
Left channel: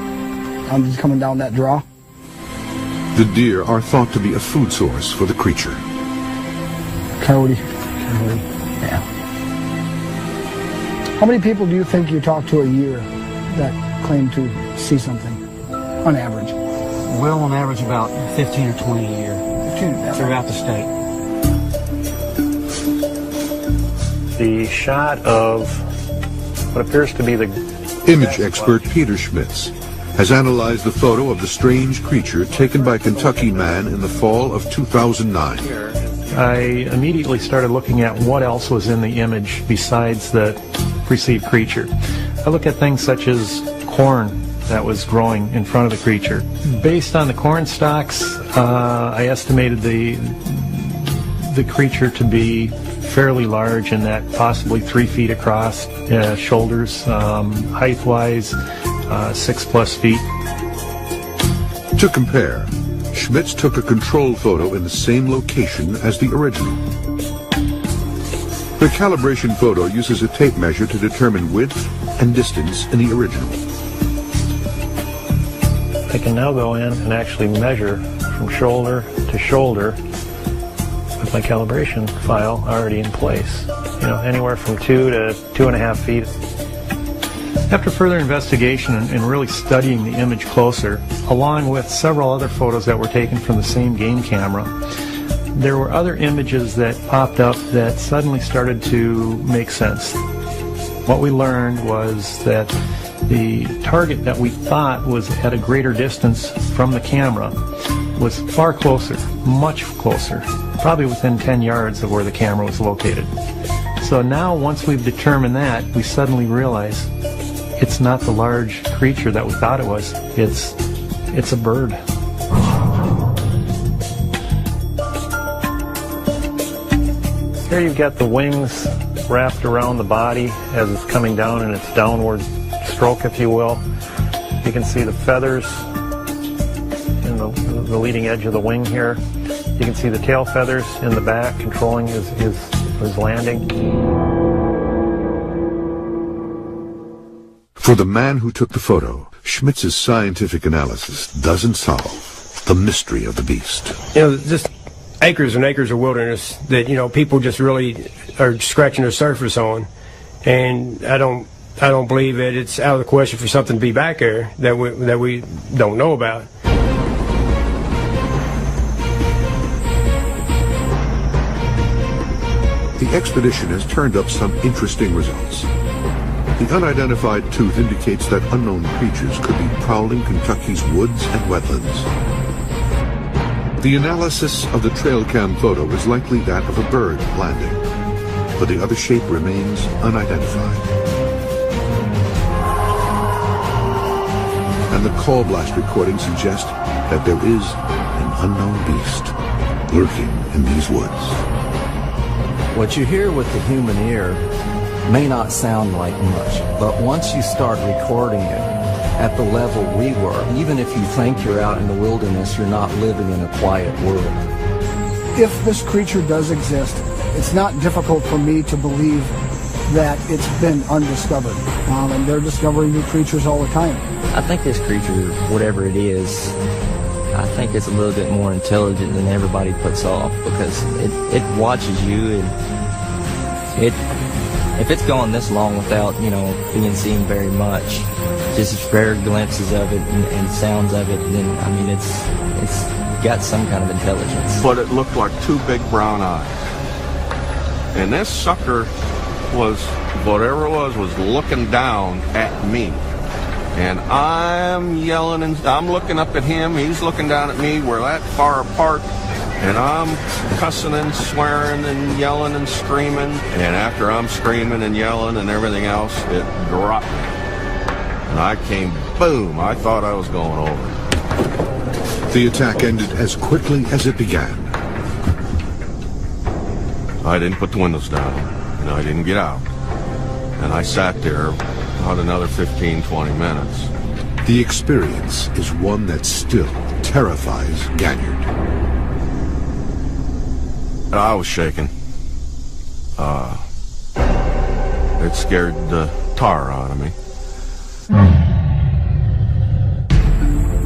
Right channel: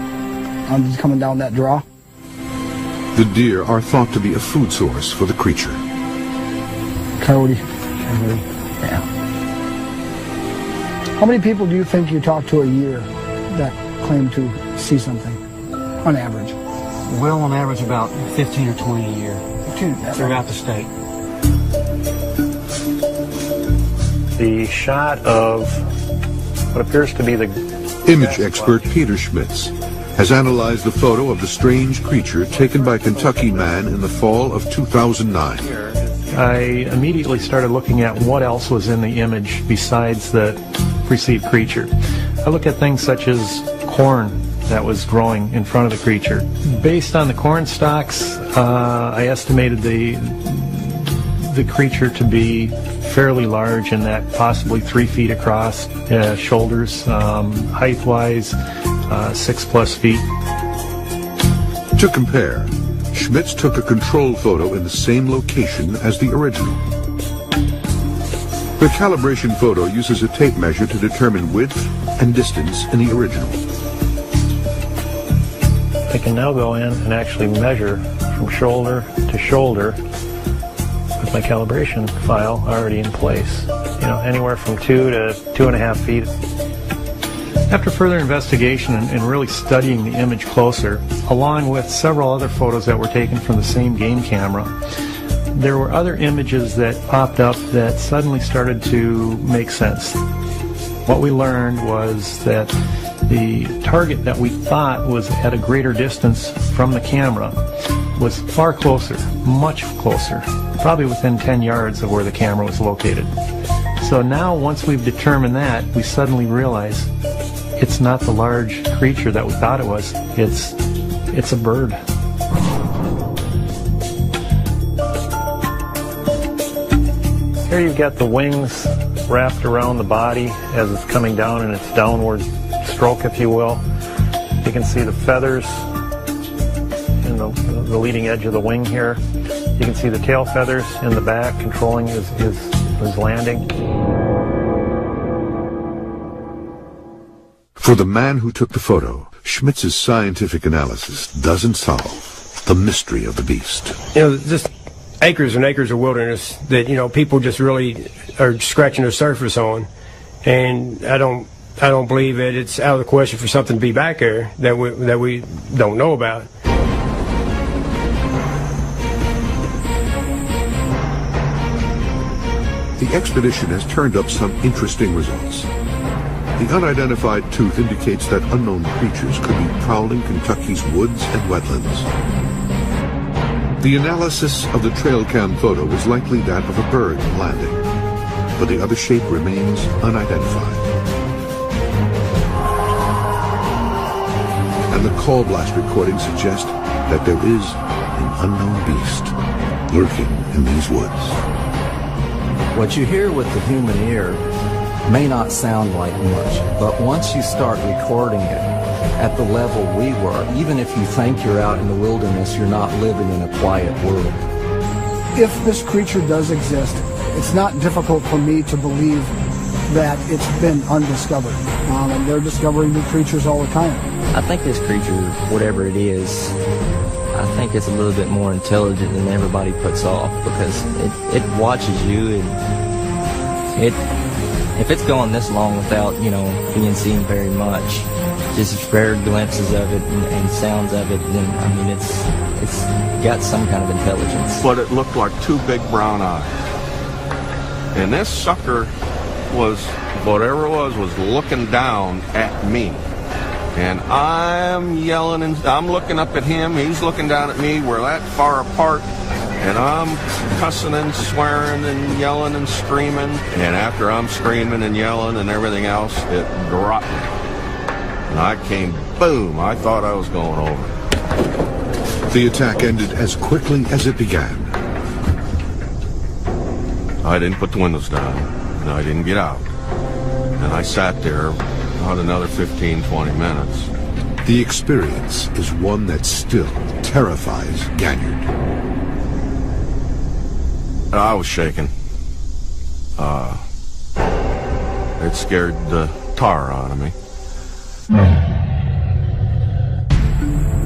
just coming down that draw. The deer are thought to be a food source for the creature. Cody. Yeah. How many people do you think you talk to a year that claim to see something, on average? Well, on average, about 15 or 20 a year throughout the state. The shot of what appears to be the Image expert Peter Schmitz has analyzed the photo of the strange creature taken by a Kentucky man in the fall of 2009. I immediately started looking at what else was in the image besides the perceived creature. I look at things such as corn that was growing in front of the creature. Based on the corn stalks, I estimated the creature to be fairly large, in that possibly 3 feet across, shoulders, height-wise, 6+ feet. To compare, Schmitz took a control photo in the same location as the original. The calibration photo uses a tape measure to determine width and distance in the original. I can now go in and actually measure from shoulder to shoulder with my calibration file already in place. Anywhere from 2 to 2.5 feet. After further investigation and really studying the image closer, along with several other photos that were taken from the same game camera, there were other images that popped up that suddenly started to make sense. What we learned was that the target that we thought was at a greater distance from the camera was far closer, much closer, probably within 10 yards of where the camera was located. So now, once we've determined that, we suddenly realize it's not the large creature that we thought it was. It's a bird. Here you've got the wings wrapped around the body as it's coming down in its downward stroke, if you will. You can see the feathers in the leading edge of the wing here. You can see the tail feathers in the back controlling his landing. For the man who took the photo, Schmitz's scientific analysis doesn't solve the mystery of the beast. Just acres and acres of wilderness that, people just really are scratching the surface on. And I don't believe that it's out of the question for something to be back there that we don't know about. The expedition has turned up some interesting results. The unidentified tooth indicates that unknown creatures could be prowling Kentucky's woods and wetlands. The analysis of the trail cam photo is likely that of a bird landing, but the other shape remains unidentified. And the call blast recordings suggest that there is an unknown beast lurking in these woods. What you hear with the human ear may not sound like much, but once you start recording it at the level we were, even if you think you're out in the wilderness, you're not living in a quiet world. If this creature does exist, it's not difficult for me to believe that it's been undiscovered. And they're discovering new creatures all the time. I think this creature, whatever it is, I think it's a little bit more intelligent than everybody puts off, because it watches you, and if it's going this long without, being seen very much, just rare glimpses of it and sounds of it, then, it's got some kind of intelligence. But it looked like 2 big brown eyes. And this sucker was, whatever it was looking down at me. And I'm yelling, and I'm looking up at him, he's looking down at me, we're that far apart, and I'm cussing and swearing and yelling and screaming, and after I'm screaming and yelling and everything else, it dropped. And I came, boom, I thought I was going over. The attack ended as quickly as it began. I didn't put the windows down, and I didn't get out. And I sat there about another 15, 20 minutes. The experience is one that still terrifies Ganyard. I was shaking. It scared the tar out of me.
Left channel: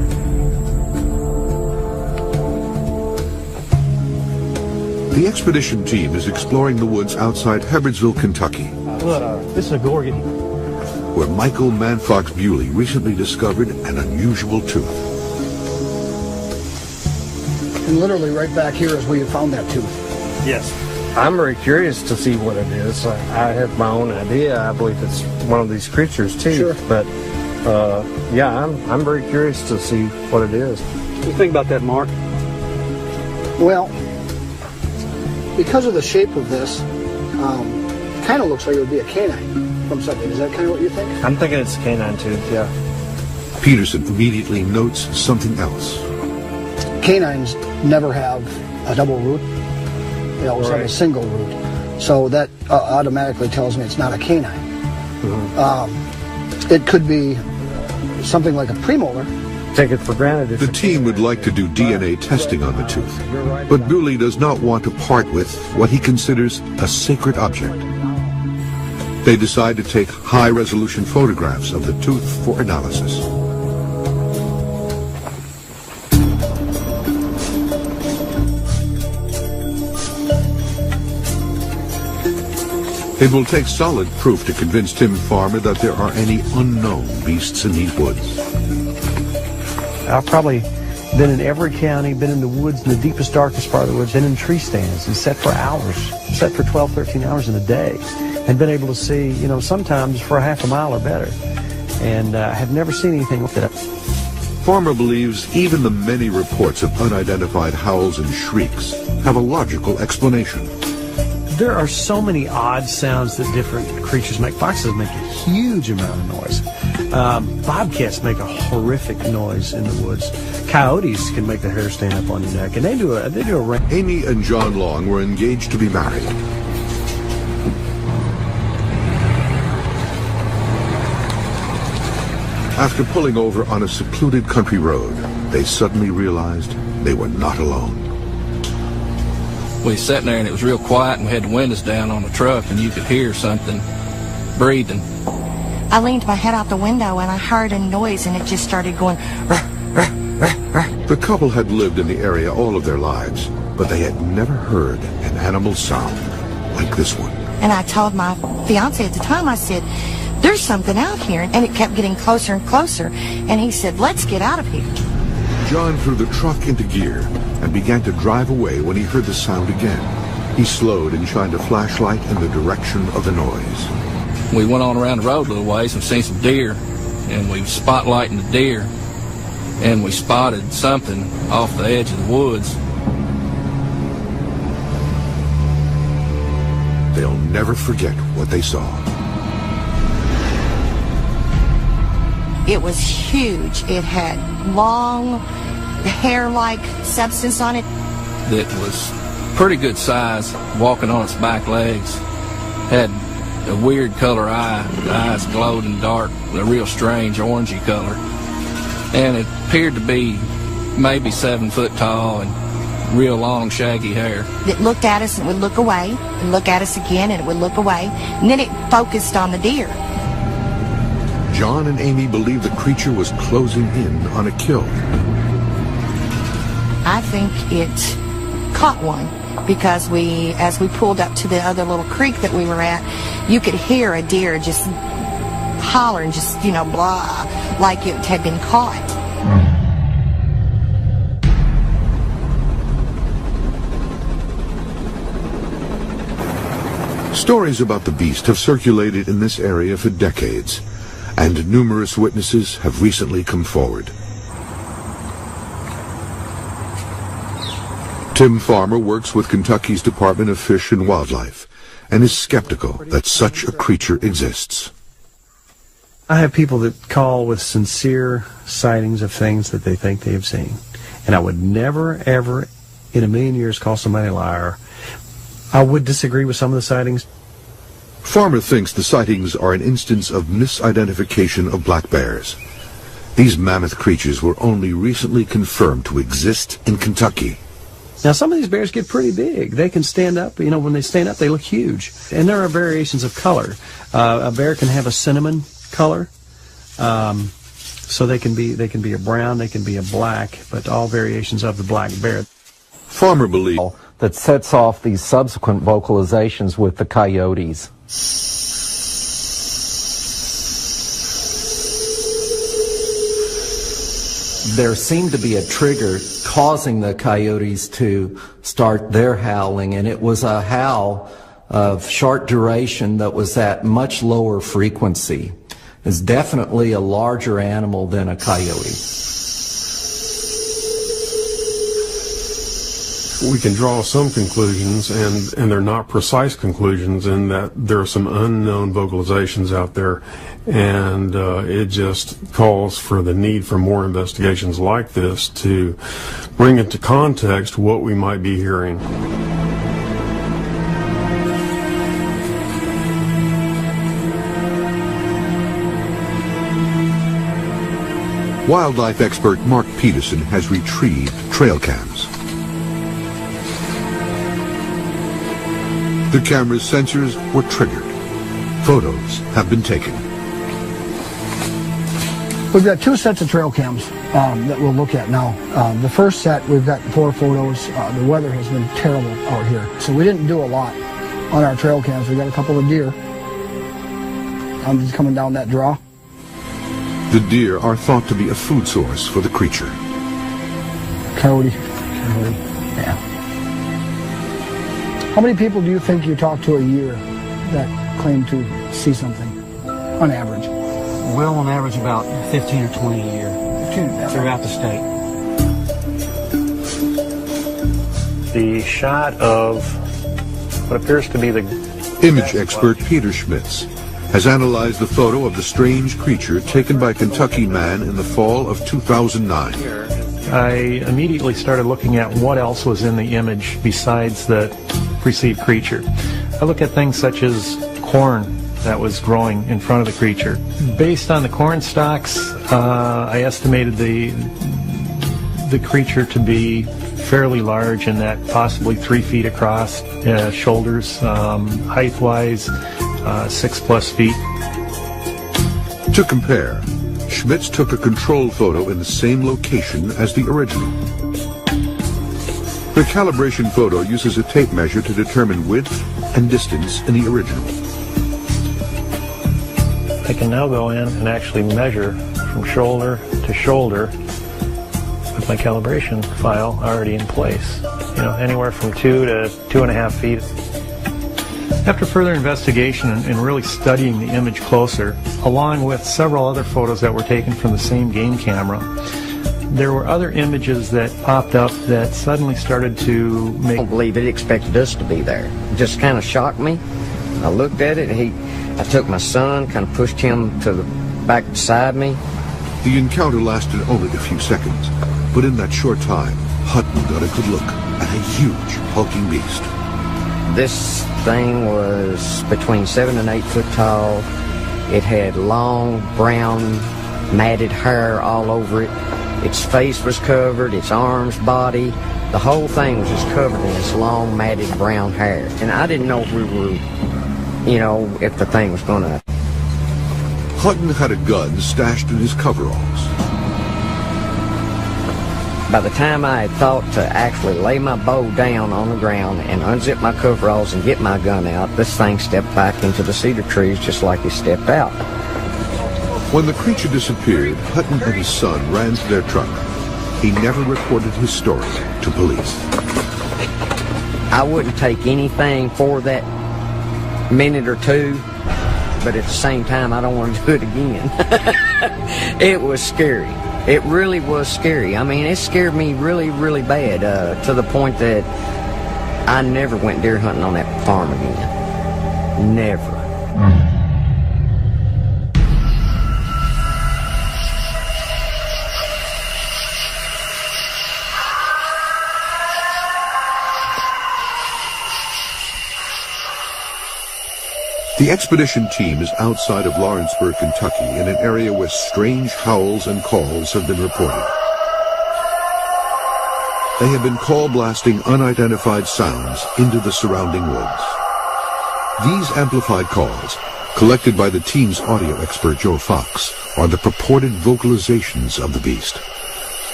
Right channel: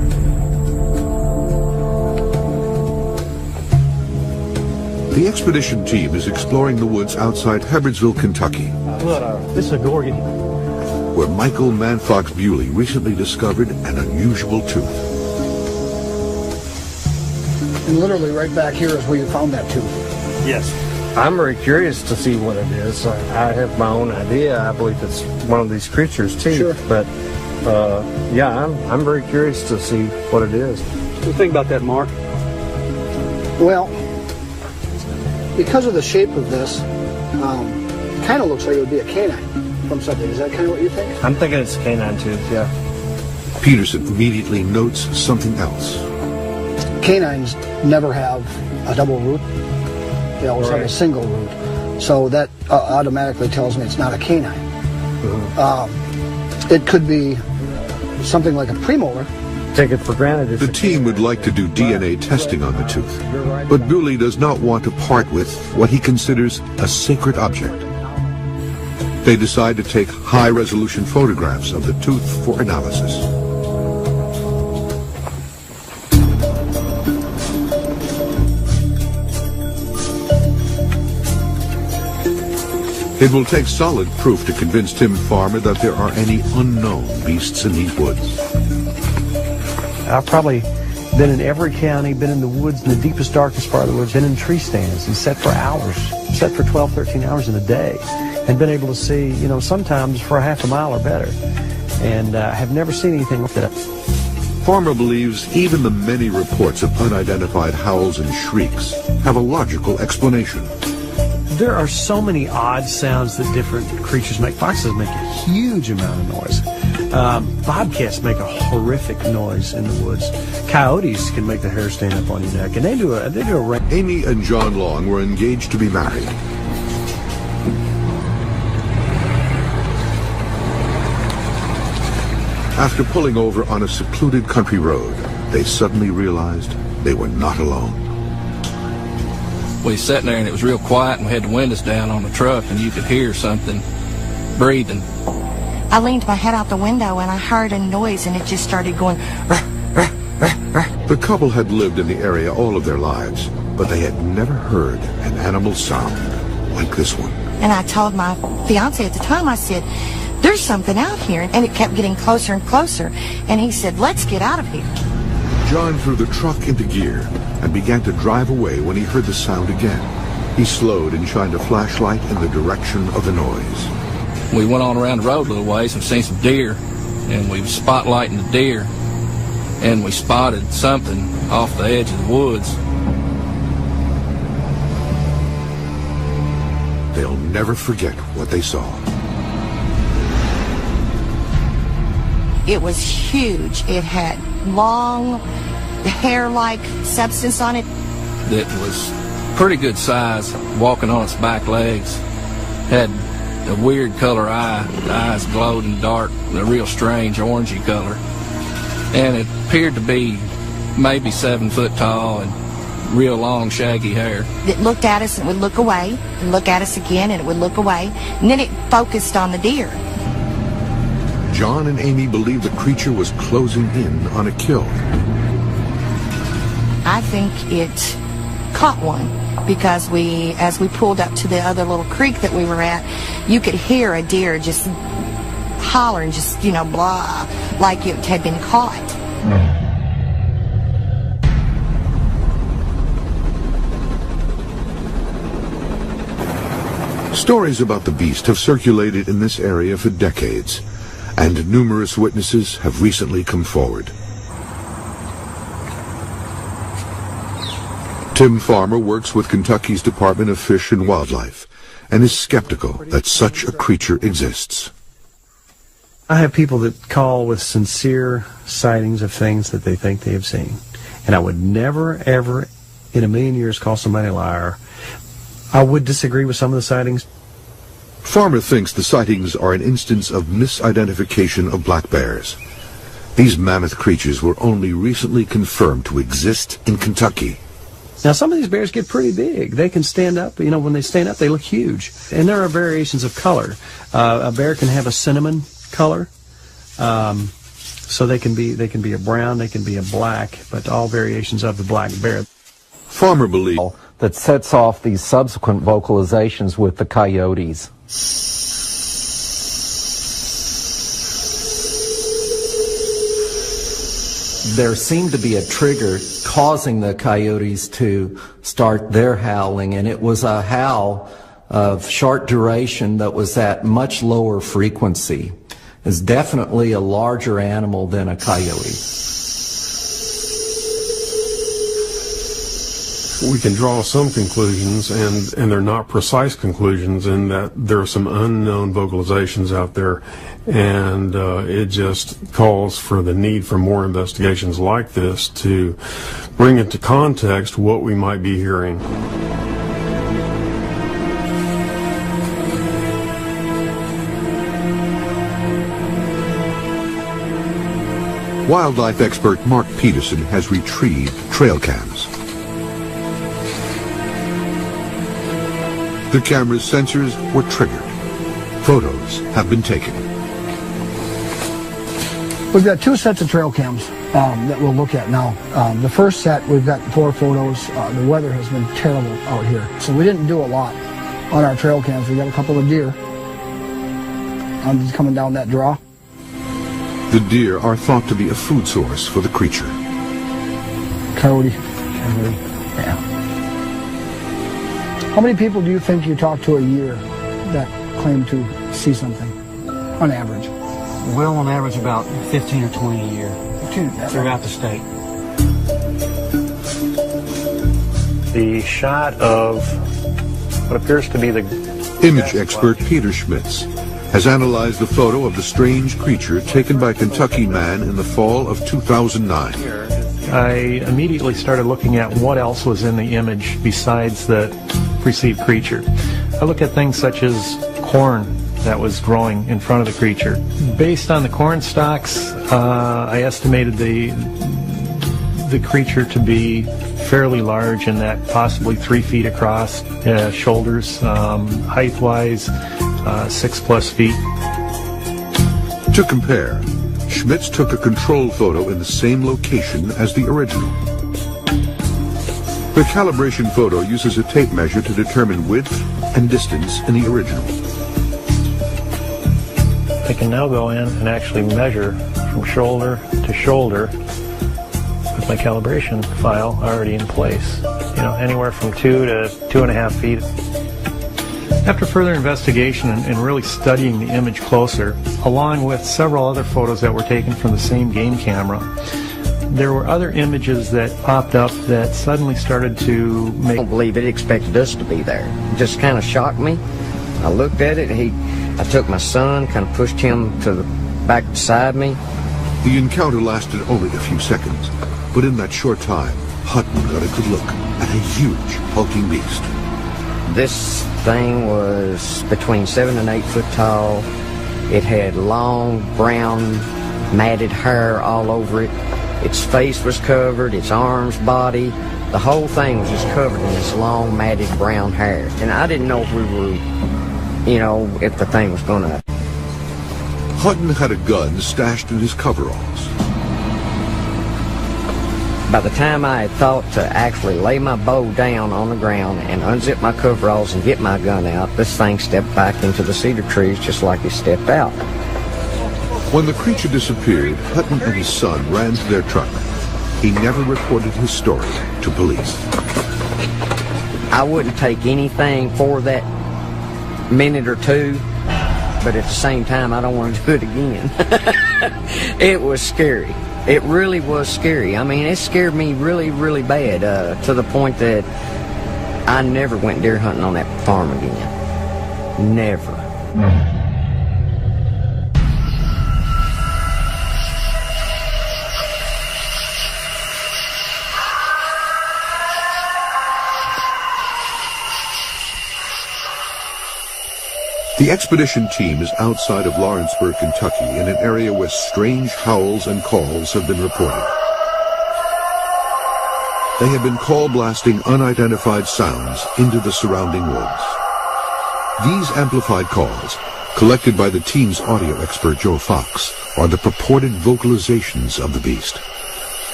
The expedition team is exploring the woods outside Hebbardsville, Kentucky, This is a gorgon. where Michael Manfox Bewley recently discovered an unusual tooth. And literally right back here is where you found that tooth. Yes. I'm very curious to see what it is. I have my own idea. I believe it's one of these creatures too. Sure. But yeah, I'm very curious to see what it is. What do you think about that, Mark? Well, because of the shape of this, kind of looks like it would be a canine from something. Is that kind of what you think? I'm thinking it's a canine tooth, yeah. Peterson immediately notes something else. Canines never have a double root. They always have a single root. So that automatically tells me it's not a canine. It could be something like a premolar. Take it for granted. The team would like to do DNA testing on the tooth, but Bewley does not want to part with what he considers a sacred object. They decide to take high-resolution photographs of the tooth for analysis. It will take solid proof to convince Tim Farmer that there are any unknown beasts in these woods. I've probably been in every county, been in the woods, in the deepest, darkest part of the woods, been in tree stands and sat for hours, sat for 12, 13 hours in a day, and been able to see, you know, sometimes for a half a mile or better, and have never seen anything with that. Farmer believes even the many reports of unidentified howls and shrieks have a logical explanation. There are so many odd sounds that different creatures make. Foxes make a huge amount of noise. Bobcats make a horrific noise in the woods. Coyotes can make the hair stand up on your neck, and they do a Amy and John Long were engaged to be married. After pulling over on a secluded country road, they suddenly realized they were not alone. We sat there and it was real quiet, and we had the windows down on the truck, and you could hear something breathing. I leaned my head out the window and I heard a noise, and it just started going. The couple had lived in the area all of their lives, but they had never heard an animal sound like this one. And I told my fiance at the time, I said, "There's something out here," and it kept getting closer and closer. And he said, "Let's get out of here." John threw the truck into gear and began to drive away when he heard the sound again. He slowed and shined a flashlight in the direction of the noise. We went on around the road a little ways and seen some deer, and we was spotlighting the deer, and we spotted something off the edge of the woods. They'll never forget what they saw. It was huge. It had long hair-like substance on it. That was pretty good size, walking on its back legs. Had a weird color eye. The eyes glowed in the dark, a real strange orangey color. And it appeared to be maybe 7 foot tall and real long, shaggy hair. It looked at us and would look away, and look at us again, and it would look away. And then it focused on the deer. John and Amy believe the creature was closing in on a kill. I think it caught one, because as we pulled up to the other little creek that we were at, you could hear a deer just holler and just, blah, like it had been caught. Stories about the beast have circulated in this area for decades, and numerous witnesses have recently come forward. Tim Farmer works with Kentucky's Department of Fish and Wildlife and is skeptical that such a creature exists. I have people that call with sincere sightings of things that they think they have seen. And I would never, ever in a million years call somebody a liar. I would disagree with some of the sightings. Farmer thinks the sightings are an instance of misidentification of black bears. These mammoth creatures were only recently confirmed to exist in Kentucky. Now, some of these bears get pretty big. They can stand up. When they stand up, they look huge. And there are variations of color. A bear can have a cinnamon color. So they can be a brown, they can be a black, but all variations of the black bear. Farmer believes that sets off these subsequent vocalizations with the coyotes. There seemed to be a trigger causing the coyotes to start their howling, and it was a howl of short duration that was at much lower frequency. It's definitely a larger animal than a coyote. We can draw some conclusions, and they're not precise conclusions, in that there are some unknown vocalizations out there, and it just calls for the need for more investigations like this to bring into context what we might be hearing. Wildlife expert Mark Peterson has retrieved trail cams. The camera's sensors were triggered. Photos have been taken. We've got two sets of trail cams that we'll look at now. The first set, we've got 4 photos. The weather has been terrible out here, so we didn't do a lot on our trail cams. We got a couple of deer. I'm just coming down that draw. The deer are thought to be a food source for the creature. Coyote. Yeah. How many people do you think you talk to a year that claim to see something, on average? Well, on average, about 15 or 20 a year throughout the state. The shot of what appears to be the Image expert Peter Schmitz has analyzed the photo of the strange creature taken by a Kentucky man in the fall of 2009. I immediately started looking at what else was in the image besides the perceived creature. I look at things such as corn that was growing in front of the creature. Based on the corn stalks, I estimated the creature to be fairly large, in that possibly 3 feet across, shoulders, height-wise, 6+ feet. To compare, Schmitz took a control photo in the same location as the original. The calibration photo uses a tape measure to determine width and distance in the original. I can now go in and actually measure from shoulder to shoulder with my calibration file already in place. Anywhere from 2 to 2.5 feet. After further investigation and really studying the image closer, along with several other photos that were taken from the same game camera, there were other images that popped up that suddenly started to make... I don't believe it expected us to be there. It just kind of shocked me. I looked at it. I took my son, kind of pushed him to the back beside me. The encounter lasted only a few seconds, but in that short time, Hutton got a good look at a huge, hulking beast. This thing was between 7 and 8 foot tall. It had long, brown, matted hair all over it. Its face was covered, its arms, body. The whole thing was just covered in this long, matted brown hair. And I didn't know if we were, if the thing was going to... Hutton had a gun stashed in his coveralls. By the time I had thought to actually lay my bow down on the ground and unzip my coveralls and get my gun out, this thing stepped back into the cedar trees just like he stepped out. When the creature disappeared, Hutton and his son ran to their truck. He never reported his story to police. I wouldn't take anything for that minute or two, but at the same time, I don't want to do it again. It was scary. It really was scary. I mean, it scared me really, really bad, to the point that I never went deer hunting on that farm again. Never. The expedition team is outside of Lawrenceburg, Kentucky, in an area where strange howls and calls have been reported. They have been call blasting unidentified sounds into the surrounding woods. These amplified calls, collected by the team's audio expert Joe Fox, are the purported vocalizations of the beast.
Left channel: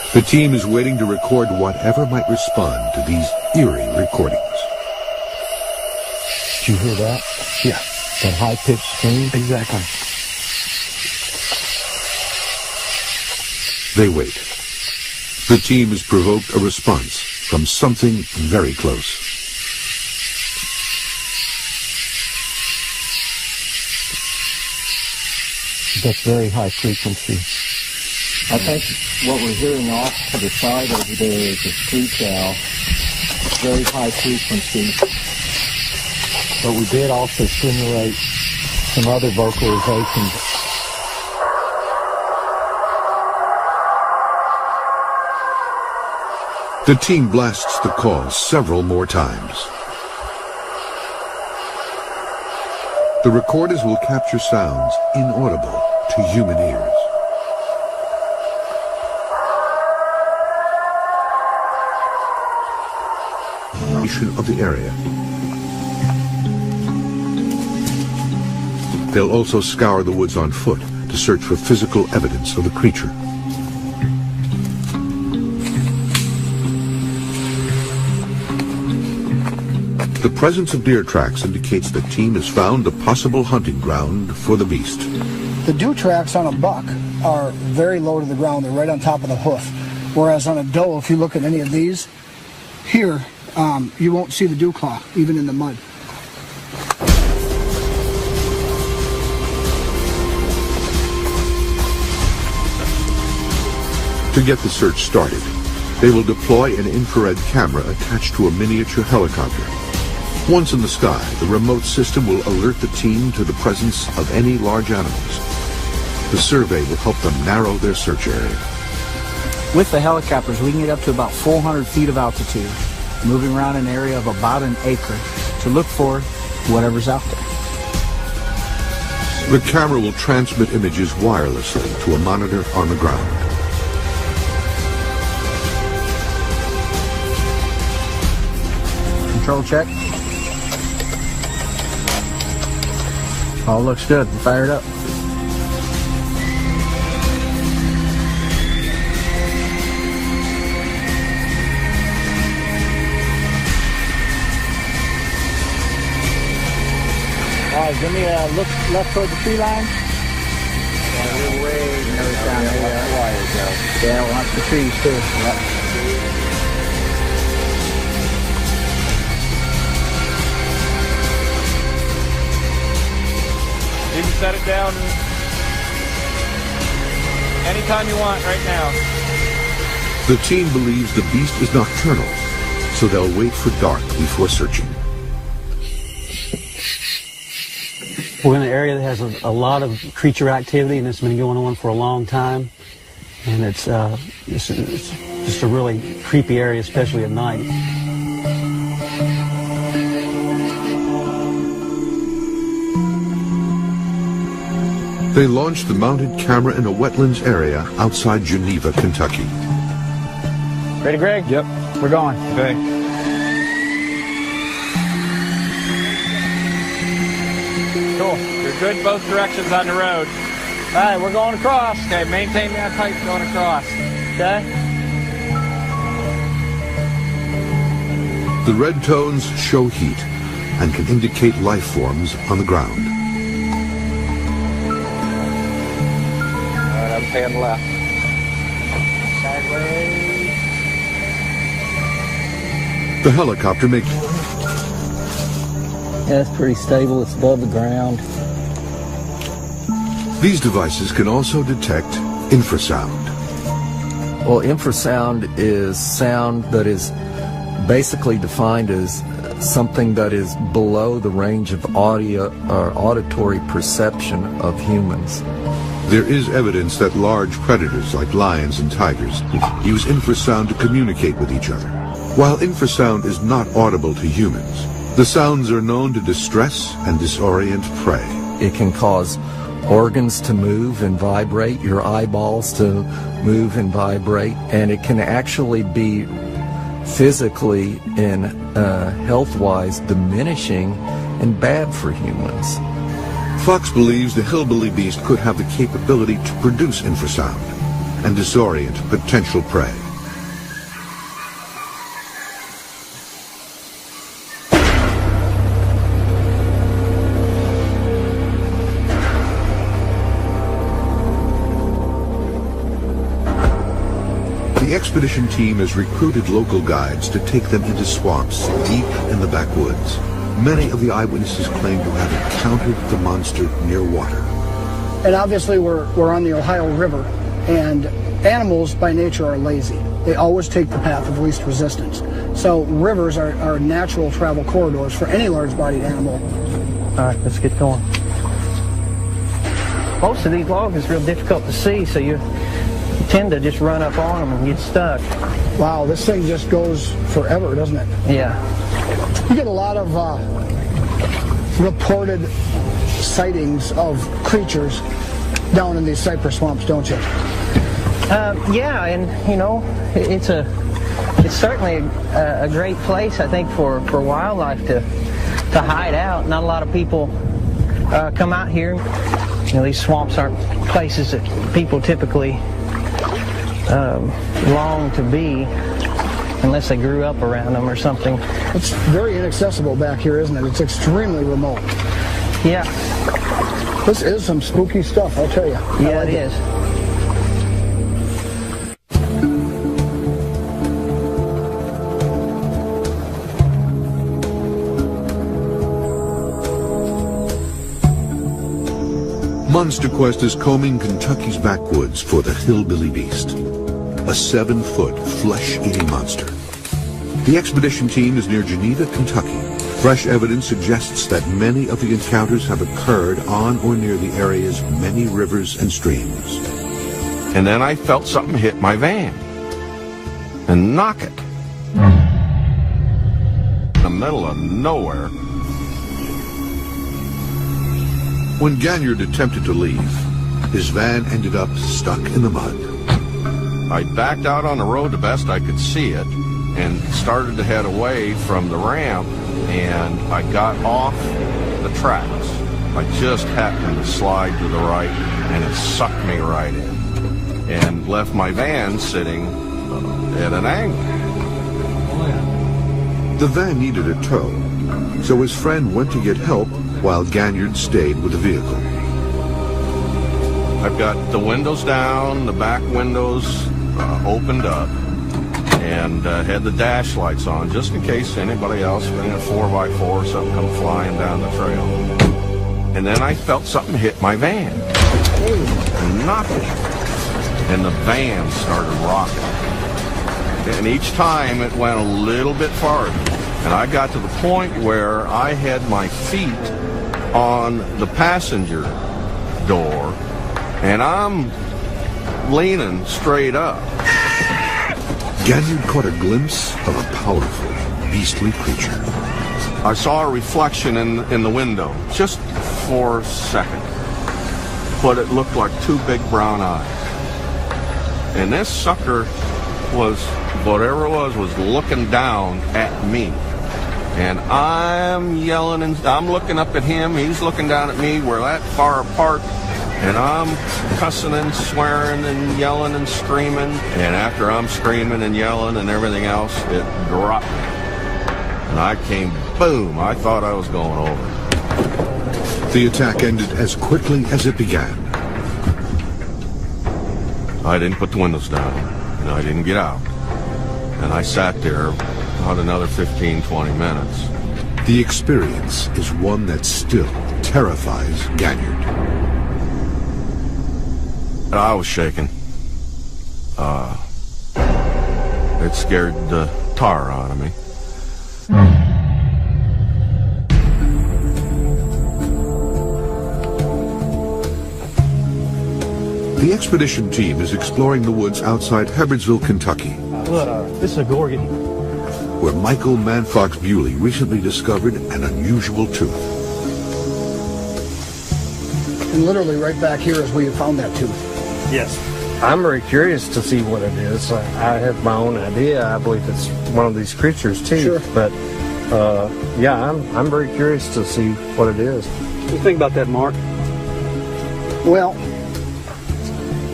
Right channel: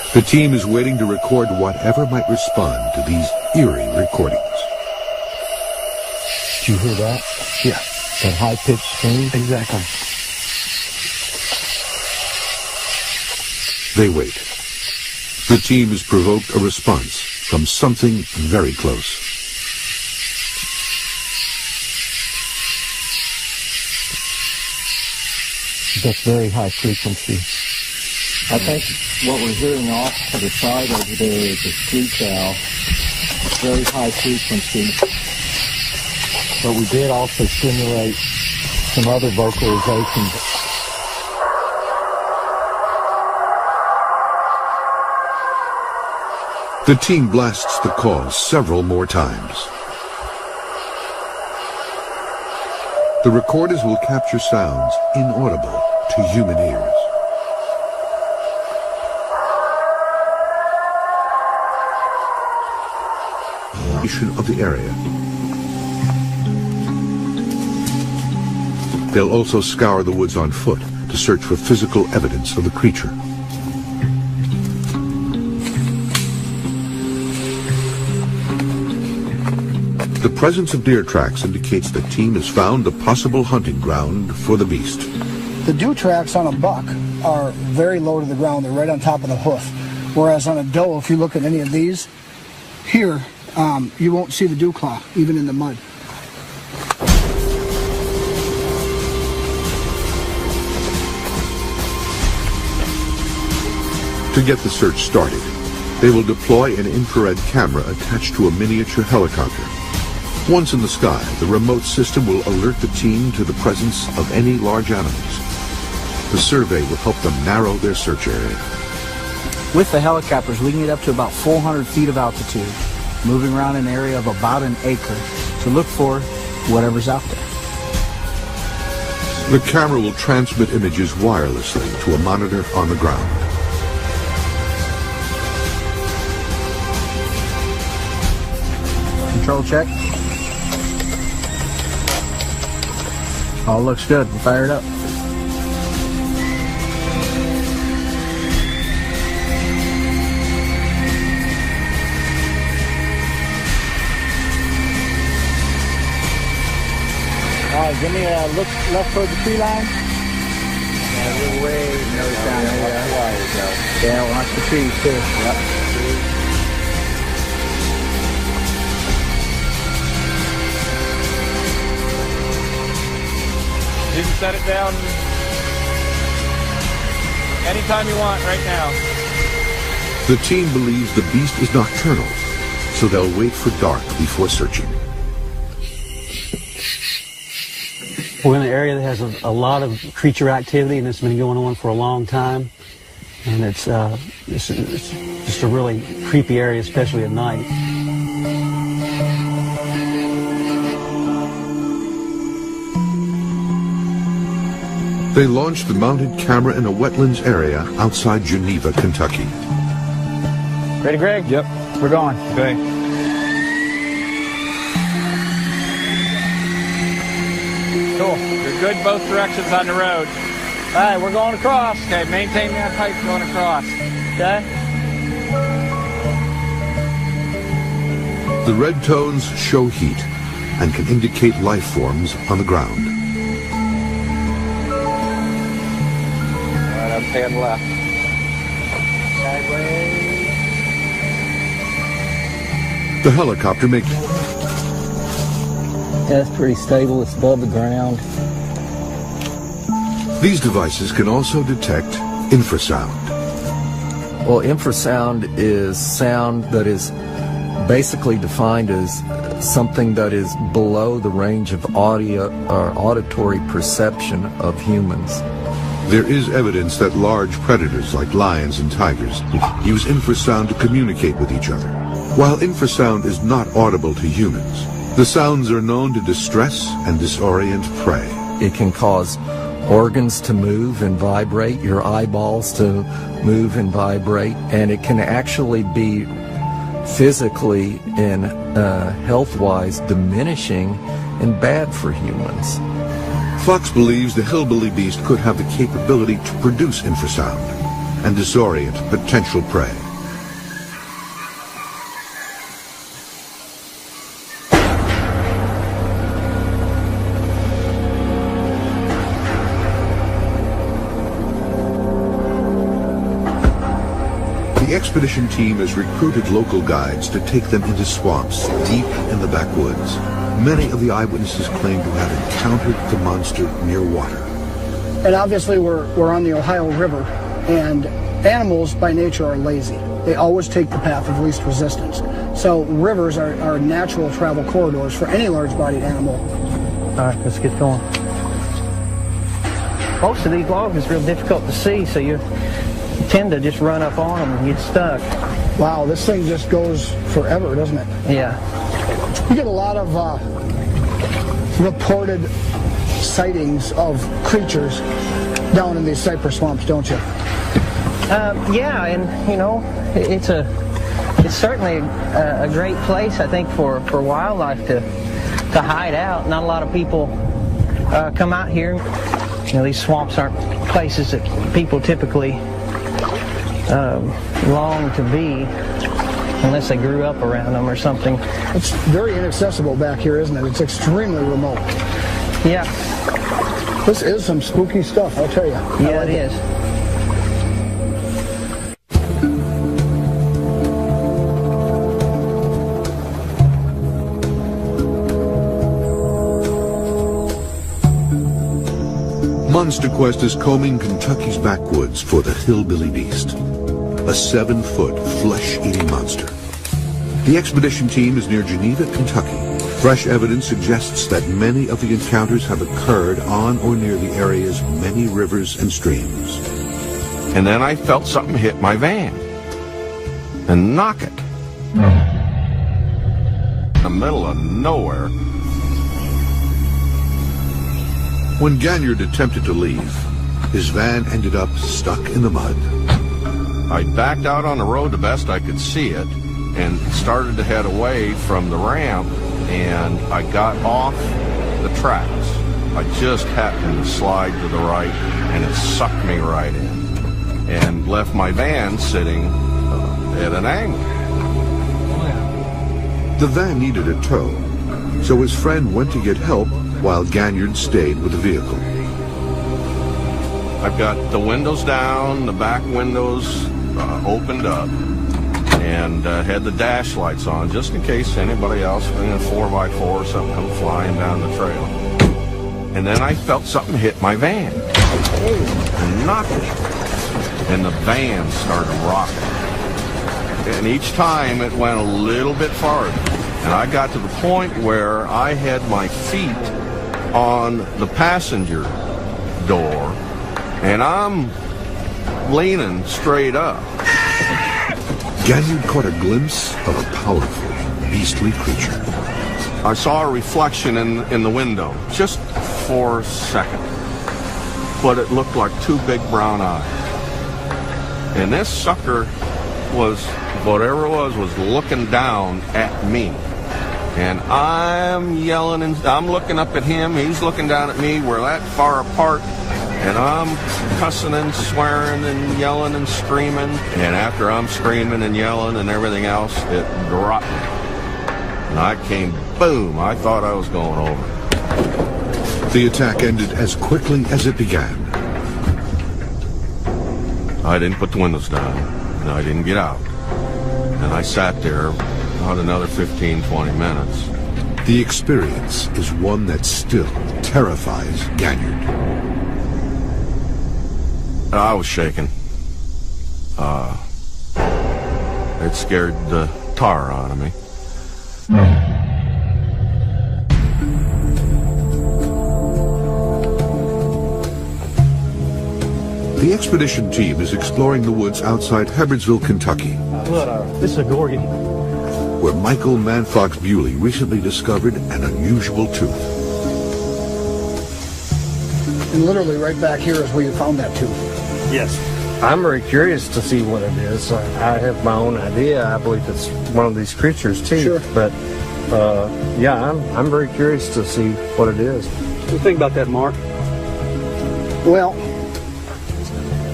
The team is waiting to record whatever might respond to these eerie recordings. Did you hear that? Yeah. That high-pitched scream? Exactly. They wait. The team has provoked a response from something very close. That's very high frequency. I think what we're hearing off to the side over there is a screech owl. It's very high frequency. But we did also simulate some other vocalizations. The team blasts the calls several more times. The recorders will capture sounds inaudible to human ears. Of the area. They'll also scour the woods on foot to search for physical evidence of the creature. The presence of deer tracks indicates the team has found a possible hunting ground for the beast. The dew tracks on a buck are very low to the ground. They're right on top of the hoof. Whereas on a doe, if you look at any of these, here, you won't see the dew clot, even in the mud. To get the search started, they will deploy an infrared camera attached to a miniature helicopter. Once in the sky, the remote system will alert the team to the presence of any large animals. The survey will help them narrow their search area. With the helicopters, we can get up to about 400 feet of altitude, moving around an area of about an acre to look for whatever's out there. The camera will transmit images wirelessly to a monitor on the ground. Control check. All looks good. Fire it up. Give me a look left toward the tree line. We're way north down here. Yeah, we'll have the trees too. Yep. You can set it down anytime you want right now. The team believes the beast is nocturnal, so they'll wait for dark before searching. We're in an area that has a lot of creature activity, and it's been going on for a long time. And it's just a really creepy area, especially at night. They launched the mounted camera in a wetlands area outside Geneva, Kentucky. Ready, Greg? Yep. We're going. Okay. Good, both directions on the road. All right, we're going across. Okay, maintain that height going across. Okay. The red tones show heat and can indicate life forms on the ground. All right, I'm staying left. Sideways. The helicopter makes... Yeah, it's pretty stable. It's above the ground. These devices can also detect infrasound. Well, infrasound is sound that is basically defined as something that is below the range of audio or auditory perception of humans. There is evidence that large predators like lions and tigers use infrasound to communicate with each other. While infrasound is not audible to humans, the sounds are known to distress and disorient prey. It can cause organs to move and vibrate, your eyeballs to move and vibrate, and it can actually be physically and health-wise diminishing and bad for humans. Fox believes the hillbilly beast could have the capability to produce infrasound. and disorient potential prey. The expedition team has recruited local guides to take them into swamps deep in the backwoods. Many of the eyewitnesses claim to have encountered the monster near water. And obviously we're on the Ohio River, and animals by nature are lazy. They always take the path of least resistance. So rivers are natural travel corridors for any large-bodied animal. All right, let's get going. Most of these logs is real difficult to see, so you tend to just run up on them and get stuck. Wow, this thing just goes forever, doesn't it? Yeah. You get a lot of reported sightings of creatures down in these cypress swamps, don't you? Yeah, and it's certainly a great place, I think, for wildlife to hide out. Not a lot of people come out here. These swamps aren't places that people typically long to be unless they grew up around them or something. It's very inaccessible back here, isn't it? It's extremely remote. Yeah. This is some spooky stuff, I'll tell you. Yeah, it is. Monster Quest is combing Kentucky's backwoods for the hillbilly beast, a 7-foot flesh-eating monster. The expedition team is near Geneva, Kentucky. Fresh evidence suggests that many of the encounters have occurred on or near the area's many rivers and streams. And then I felt something hit my van and knock it. In the middle of nowhere. When Ganyard attempted to leave, his van ended up stuck in the mud. I backed out on the road the best I could see it and started to head away from the ramp, and I got off the tracks. I just happened to slide to the right, and it sucked me right in and left my van sitting at an angle. The van needed a tow, so his friend went to get help while Ganyard stayed with the vehicle. I've got the windows down, the back windows opened up, and had the dash lights on just in case anybody else in a 4x4 or something come flying down the trail. And then I felt something hit my van and knock it, and the van started rocking. And each time it went a little bit farther, and I got to the point where I had my feet on the passenger door, and I'm leaning straight up. Ganyard caught a glimpse of a powerful, beastly creature. I saw a reflection in the window, just for a second, but it looked like two big brown eyes. And this sucker was, whatever it was looking down at me. And I'm yelling, and I'm looking up at him, he's looking down at me, we're that far apart, and I'm cussing and swearing and yelling and screaming, and after I'm screaming and yelling and everything else, it dropped me. And I came, boom, I thought I was going over. The attack ended as quickly as it began. I didn't put the windows down, and I didn't get out. And I sat there about another 15, 20 minutes. The experience is one that still terrifies Ganyard. I was shaking. It scared the tar out of me. The expedition team is exploring the woods outside Hebbardsville, Kentucky, This is a gorgon. where Michael Manfox Bewley recently discovered an unusual tooth. And literally right back here is where you found that tooth. Yes. I'm very curious to see what it is. I have my own idea. I believe it's one of these creatures too. Sure. But yeah, I'm very curious to see what it is. What do you think about that, Mark? Well,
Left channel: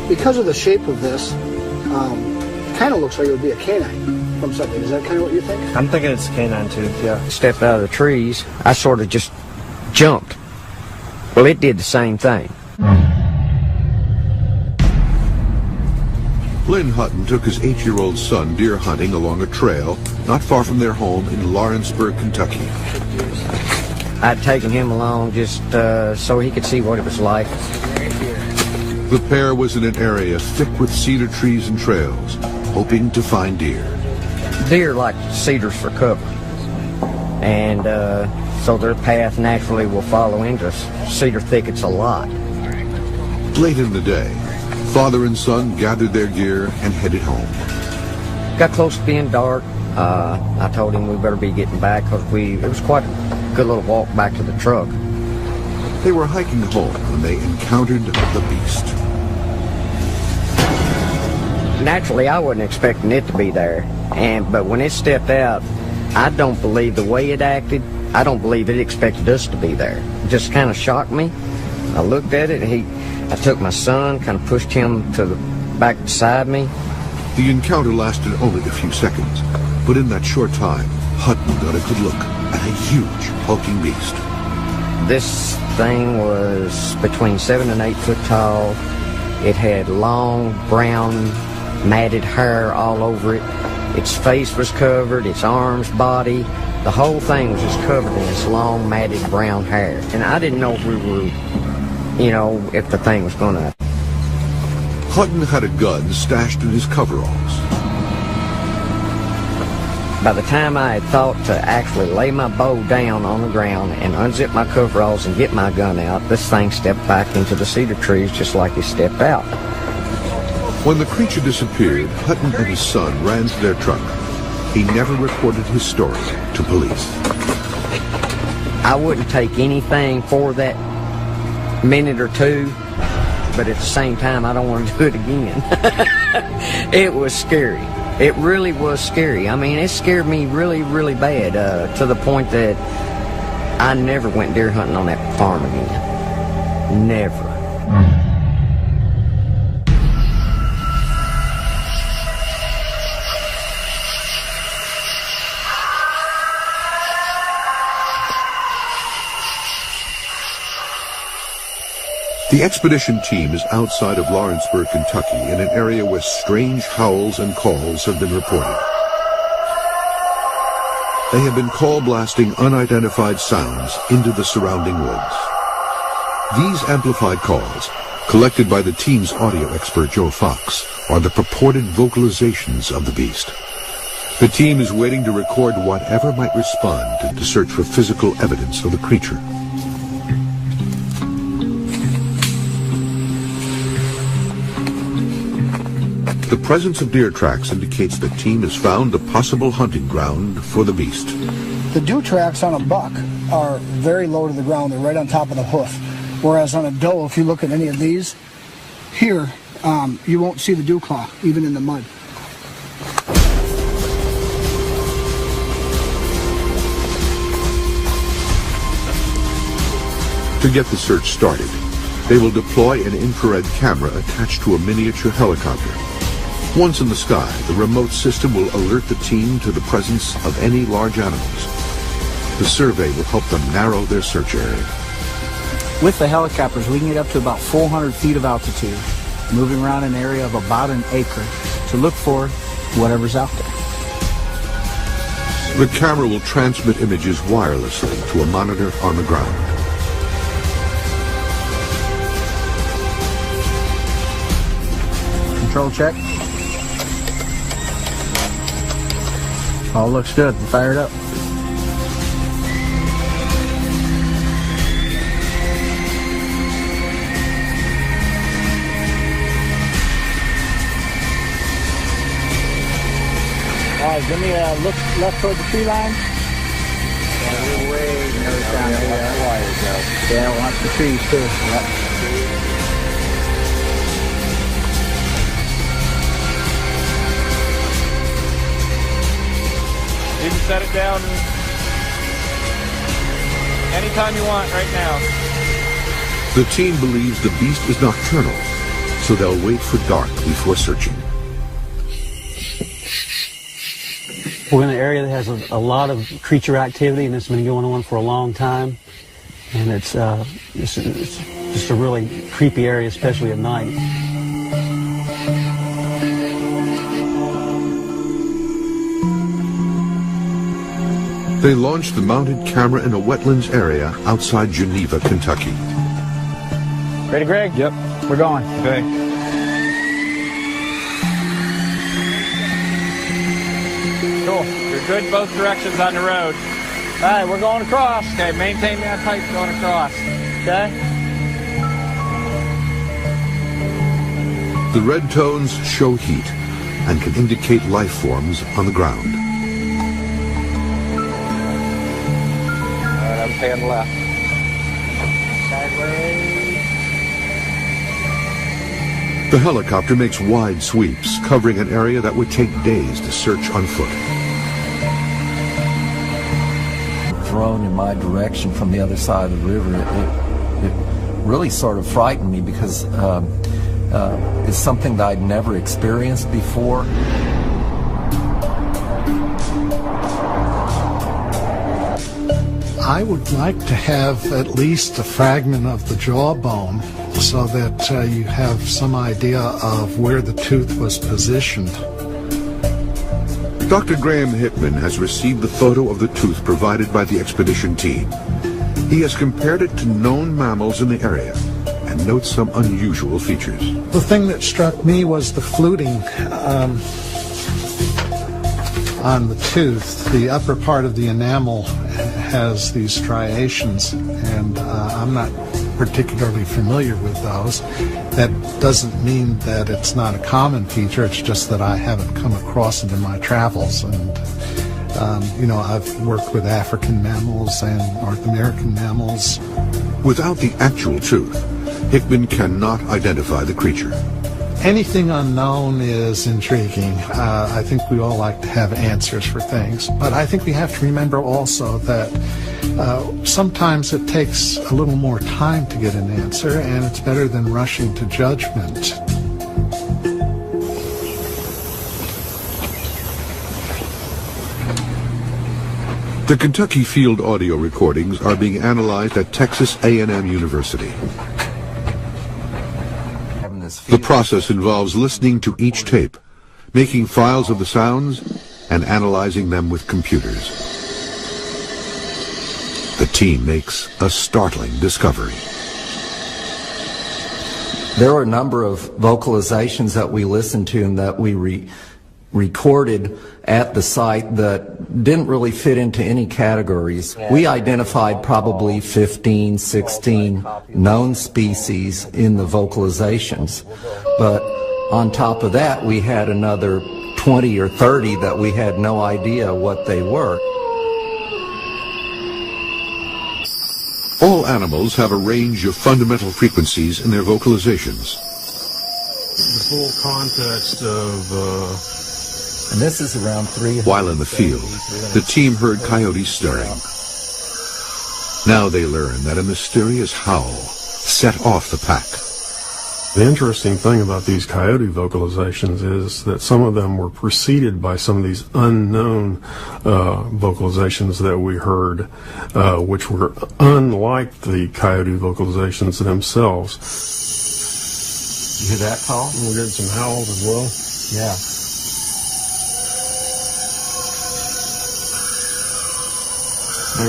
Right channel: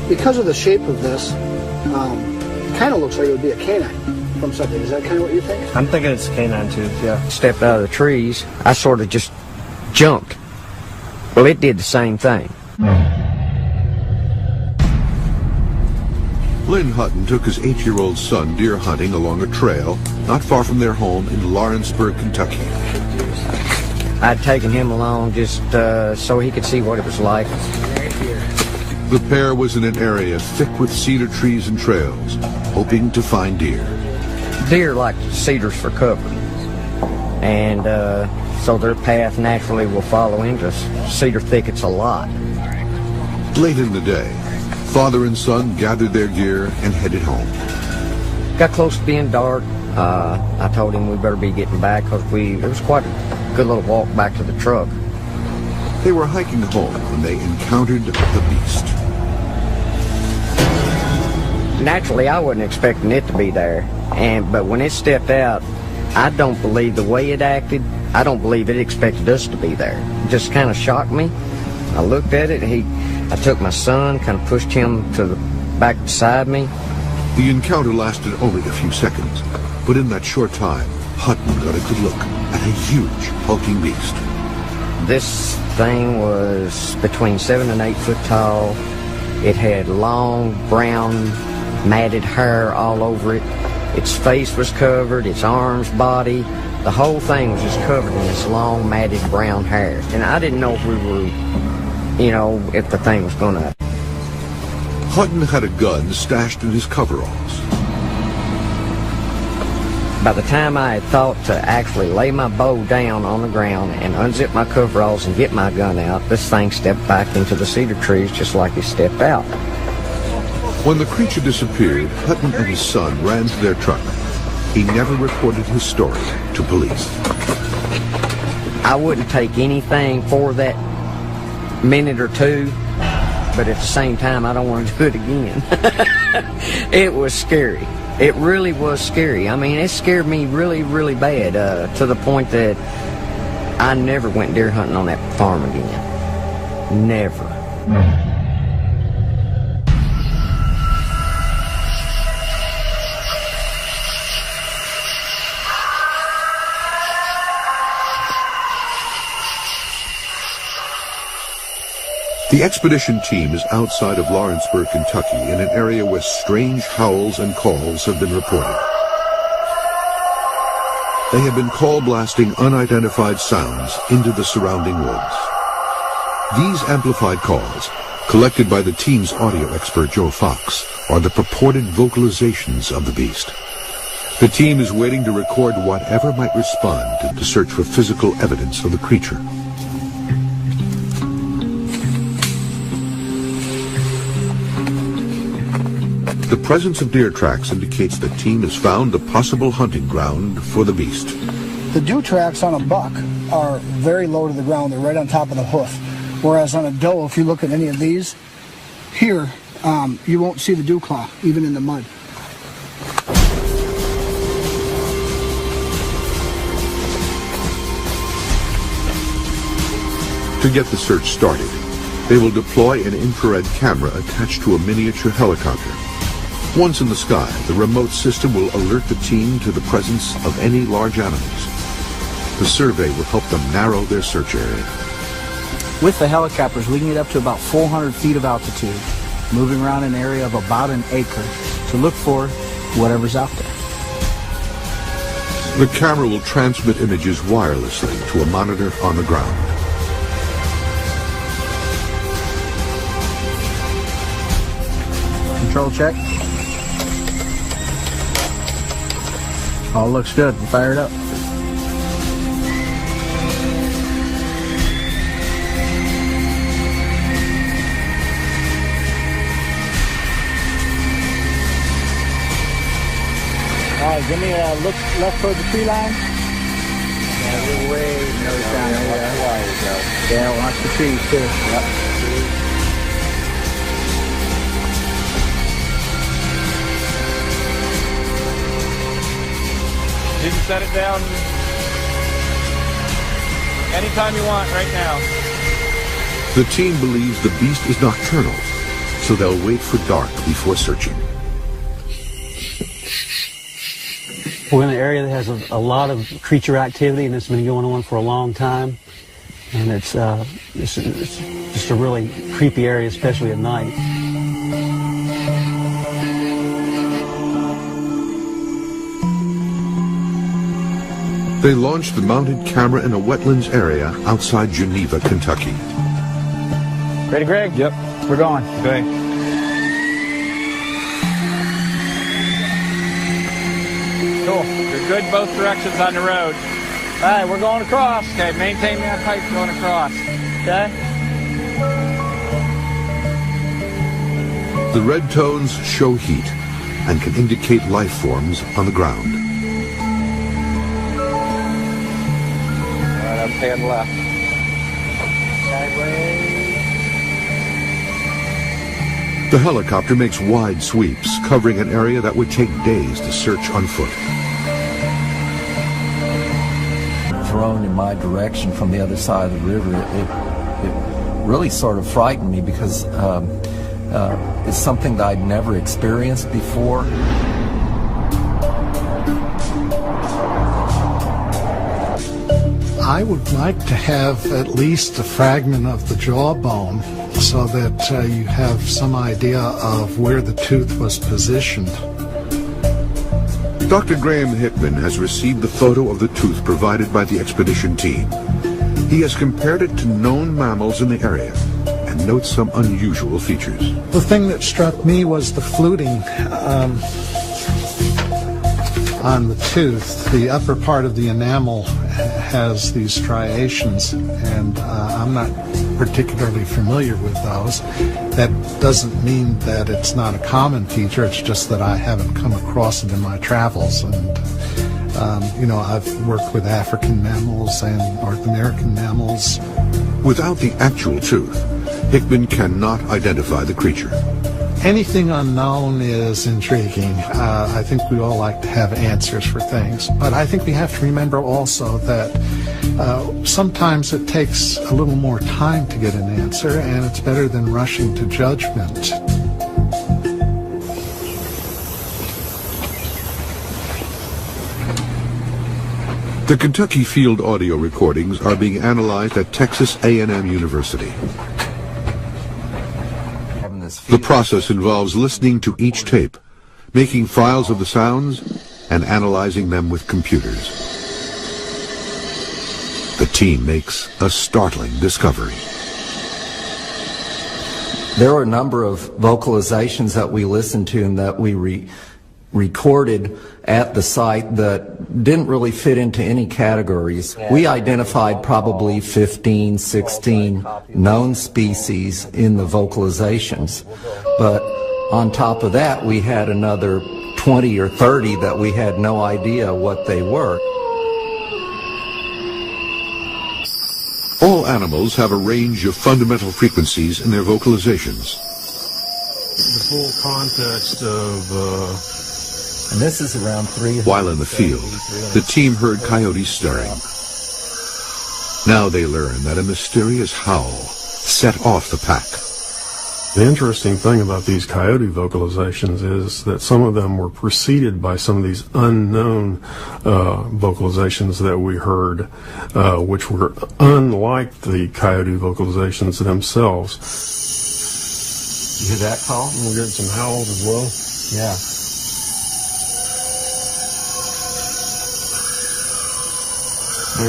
because of the shape of this, kind of looks like it would be a canine from something. Is that kind of what you think? I'm thinking it's canine too, yeah. Stepped out of the trees, I sort of just jumped. Well, it did the same thing. Lynn Hutton took his 8-year-old son deer hunting along a trail not far from their home in Lawrenceburg, Kentucky. I'd taken him along just so he could see what it was like. The pair was in an area thick with cedar trees and trails, hoping to find deer. Deer like cedars for cover, and so their path naturally will follow into cedar thickets a lot. Late in the day, father and son gathered their gear and headed home. Got close to being dark. I told him we better be getting back because it was quite a good little walk back to the truck. They were hiking home when they encountered the beast. Naturally, I wasn't expecting it to be there, but when it stepped out, I don't believe the way it acted. I don't believe it expected us to be there. It just kind of shocked me. I looked at it. I took my son, kind of pushed him to the back beside me. The encounter lasted only a few seconds, but in that short time, Hutton got a good look at a huge, hulking beast. This thing was between 7 and 8 foot tall. It had long, brown, matted hair all over it. Its face was covered, its arms, body. The whole thing was just covered in this long, matted brown hair. And I didn't know if we were, if the thing was going to... Hutton had a gun stashed in his coveralls. By the time I had thought to actually lay my bow down on the ground and unzip my coveralls and get my gun out, this thing stepped back into the cedar trees just like it stepped out. When the creature disappeared, Hutton and his son ran to their truck. He never reported his story to police. I wouldn't take anything for that minute or two, but at the same time, I don't want to do it again. It was scary. It really was scary. I mean, it scared me really, really bad, to the point that I never went deer hunting on that farm again. Never. The expedition team is outside of Lawrenceburg, Kentucky, in an area where strange howls and calls have been reported. They have been call blasting unidentified sounds into the surrounding woods. These amplified calls, collected by the team's audio expert Joe Fox, are the purported vocalizations of the beast. The team is waiting to record whatever might respond in the search for physical evidence of the creature. The presence of deer tracks indicates the team has found a possible hunting ground for the beast. The dew tracks on a buck are very low to the ground. They're right on top of the hoof. Whereas on a doe, if you look at any of these, here, you won't see the dew clot, even in the mud. To get the search started, they will deploy an infrared camera attached to a miniature helicopter. Once in the sky, the remote system will alert the team to the presence of any large animals. The survey will help them narrow their search area. With the helicopters, we can get up to about 400 feet of altitude, moving around an area of about an acre to look for whatever's out there. The camera will transmit images wirelessly to a monitor on the ground. Control check. All looks good. Fire it up. Give me a look left toward the tree line. Yeah, watch the trees too. Yep. You can set it down anytime you want right now. The team believes the beast is nocturnal, so they'll wait for dark before searching. We're in an area that has a lot of creature activity, and it's been going on for a long time. And it's just a really creepy area, especially at night. They launched the mounted camera in a wetlands area outside Geneva, Kentucky. Ready, Greg? Yep. We're going. Okay. Cool. You're good both directions on the road. All right, we're going across. Okay, maintain that height going across. Okay? The red tones show heat and can indicate life forms on the ground. All right, I'm staying left. The helicopter makes wide sweeps, covering an area that would take days to search on foot. Thrown in my direction from the other side of the river, it really sort of frightened me because it's something that I'd never experienced before. I would like to have at least a fragment of the jawbone so that you have some idea of where the tooth was positioned. Dr. Graham Hickman has received the photo of the tooth provided by the expedition team. He has compared it to known mammals in the area and notes some unusual features. The thing that struck me was the fluting on the tooth. The upper part of the enamel has these striations, and I'm not particularly familiar with those. That doesn't mean that it's not a common feature, it's just that I haven't come across it in my travels. And I've worked with African mammals and North American mammals. Without the actual tooth, Hickman cannot identify the creature. Anything unknown is intriguing. I think we all like to have answers for things. But I think we have to remember also that sometimes it takes a little more time to get an answer, and it's better than rushing to judgment. The Kentucky field audio recordings are being analyzed at Texas A&M University. The process involves listening to each tape, making files of the sounds, and analyzing them with computers. The team makes a startling discovery. There were a number of vocalizations that we listened to and that we recorded at the site that didn't really fit into any categories. We identified probably 15, 16 known species in the vocalizations, but on top of that we had another 20 or 30 that we had no idea what they were. All animals have a range of fundamental frequencies in their vocalizations. The whole context of and this is around 300. While in the field, the team heard coyotes stirring. Now they learn that a mysterious howl set off the pack. The interesting thing about these coyote vocalizations is that some of them were preceded by some of these unknown vocalizations that we heard, which were unlike the coyote vocalizations themselves. You hear that call? We heard some howls as well. Yeah.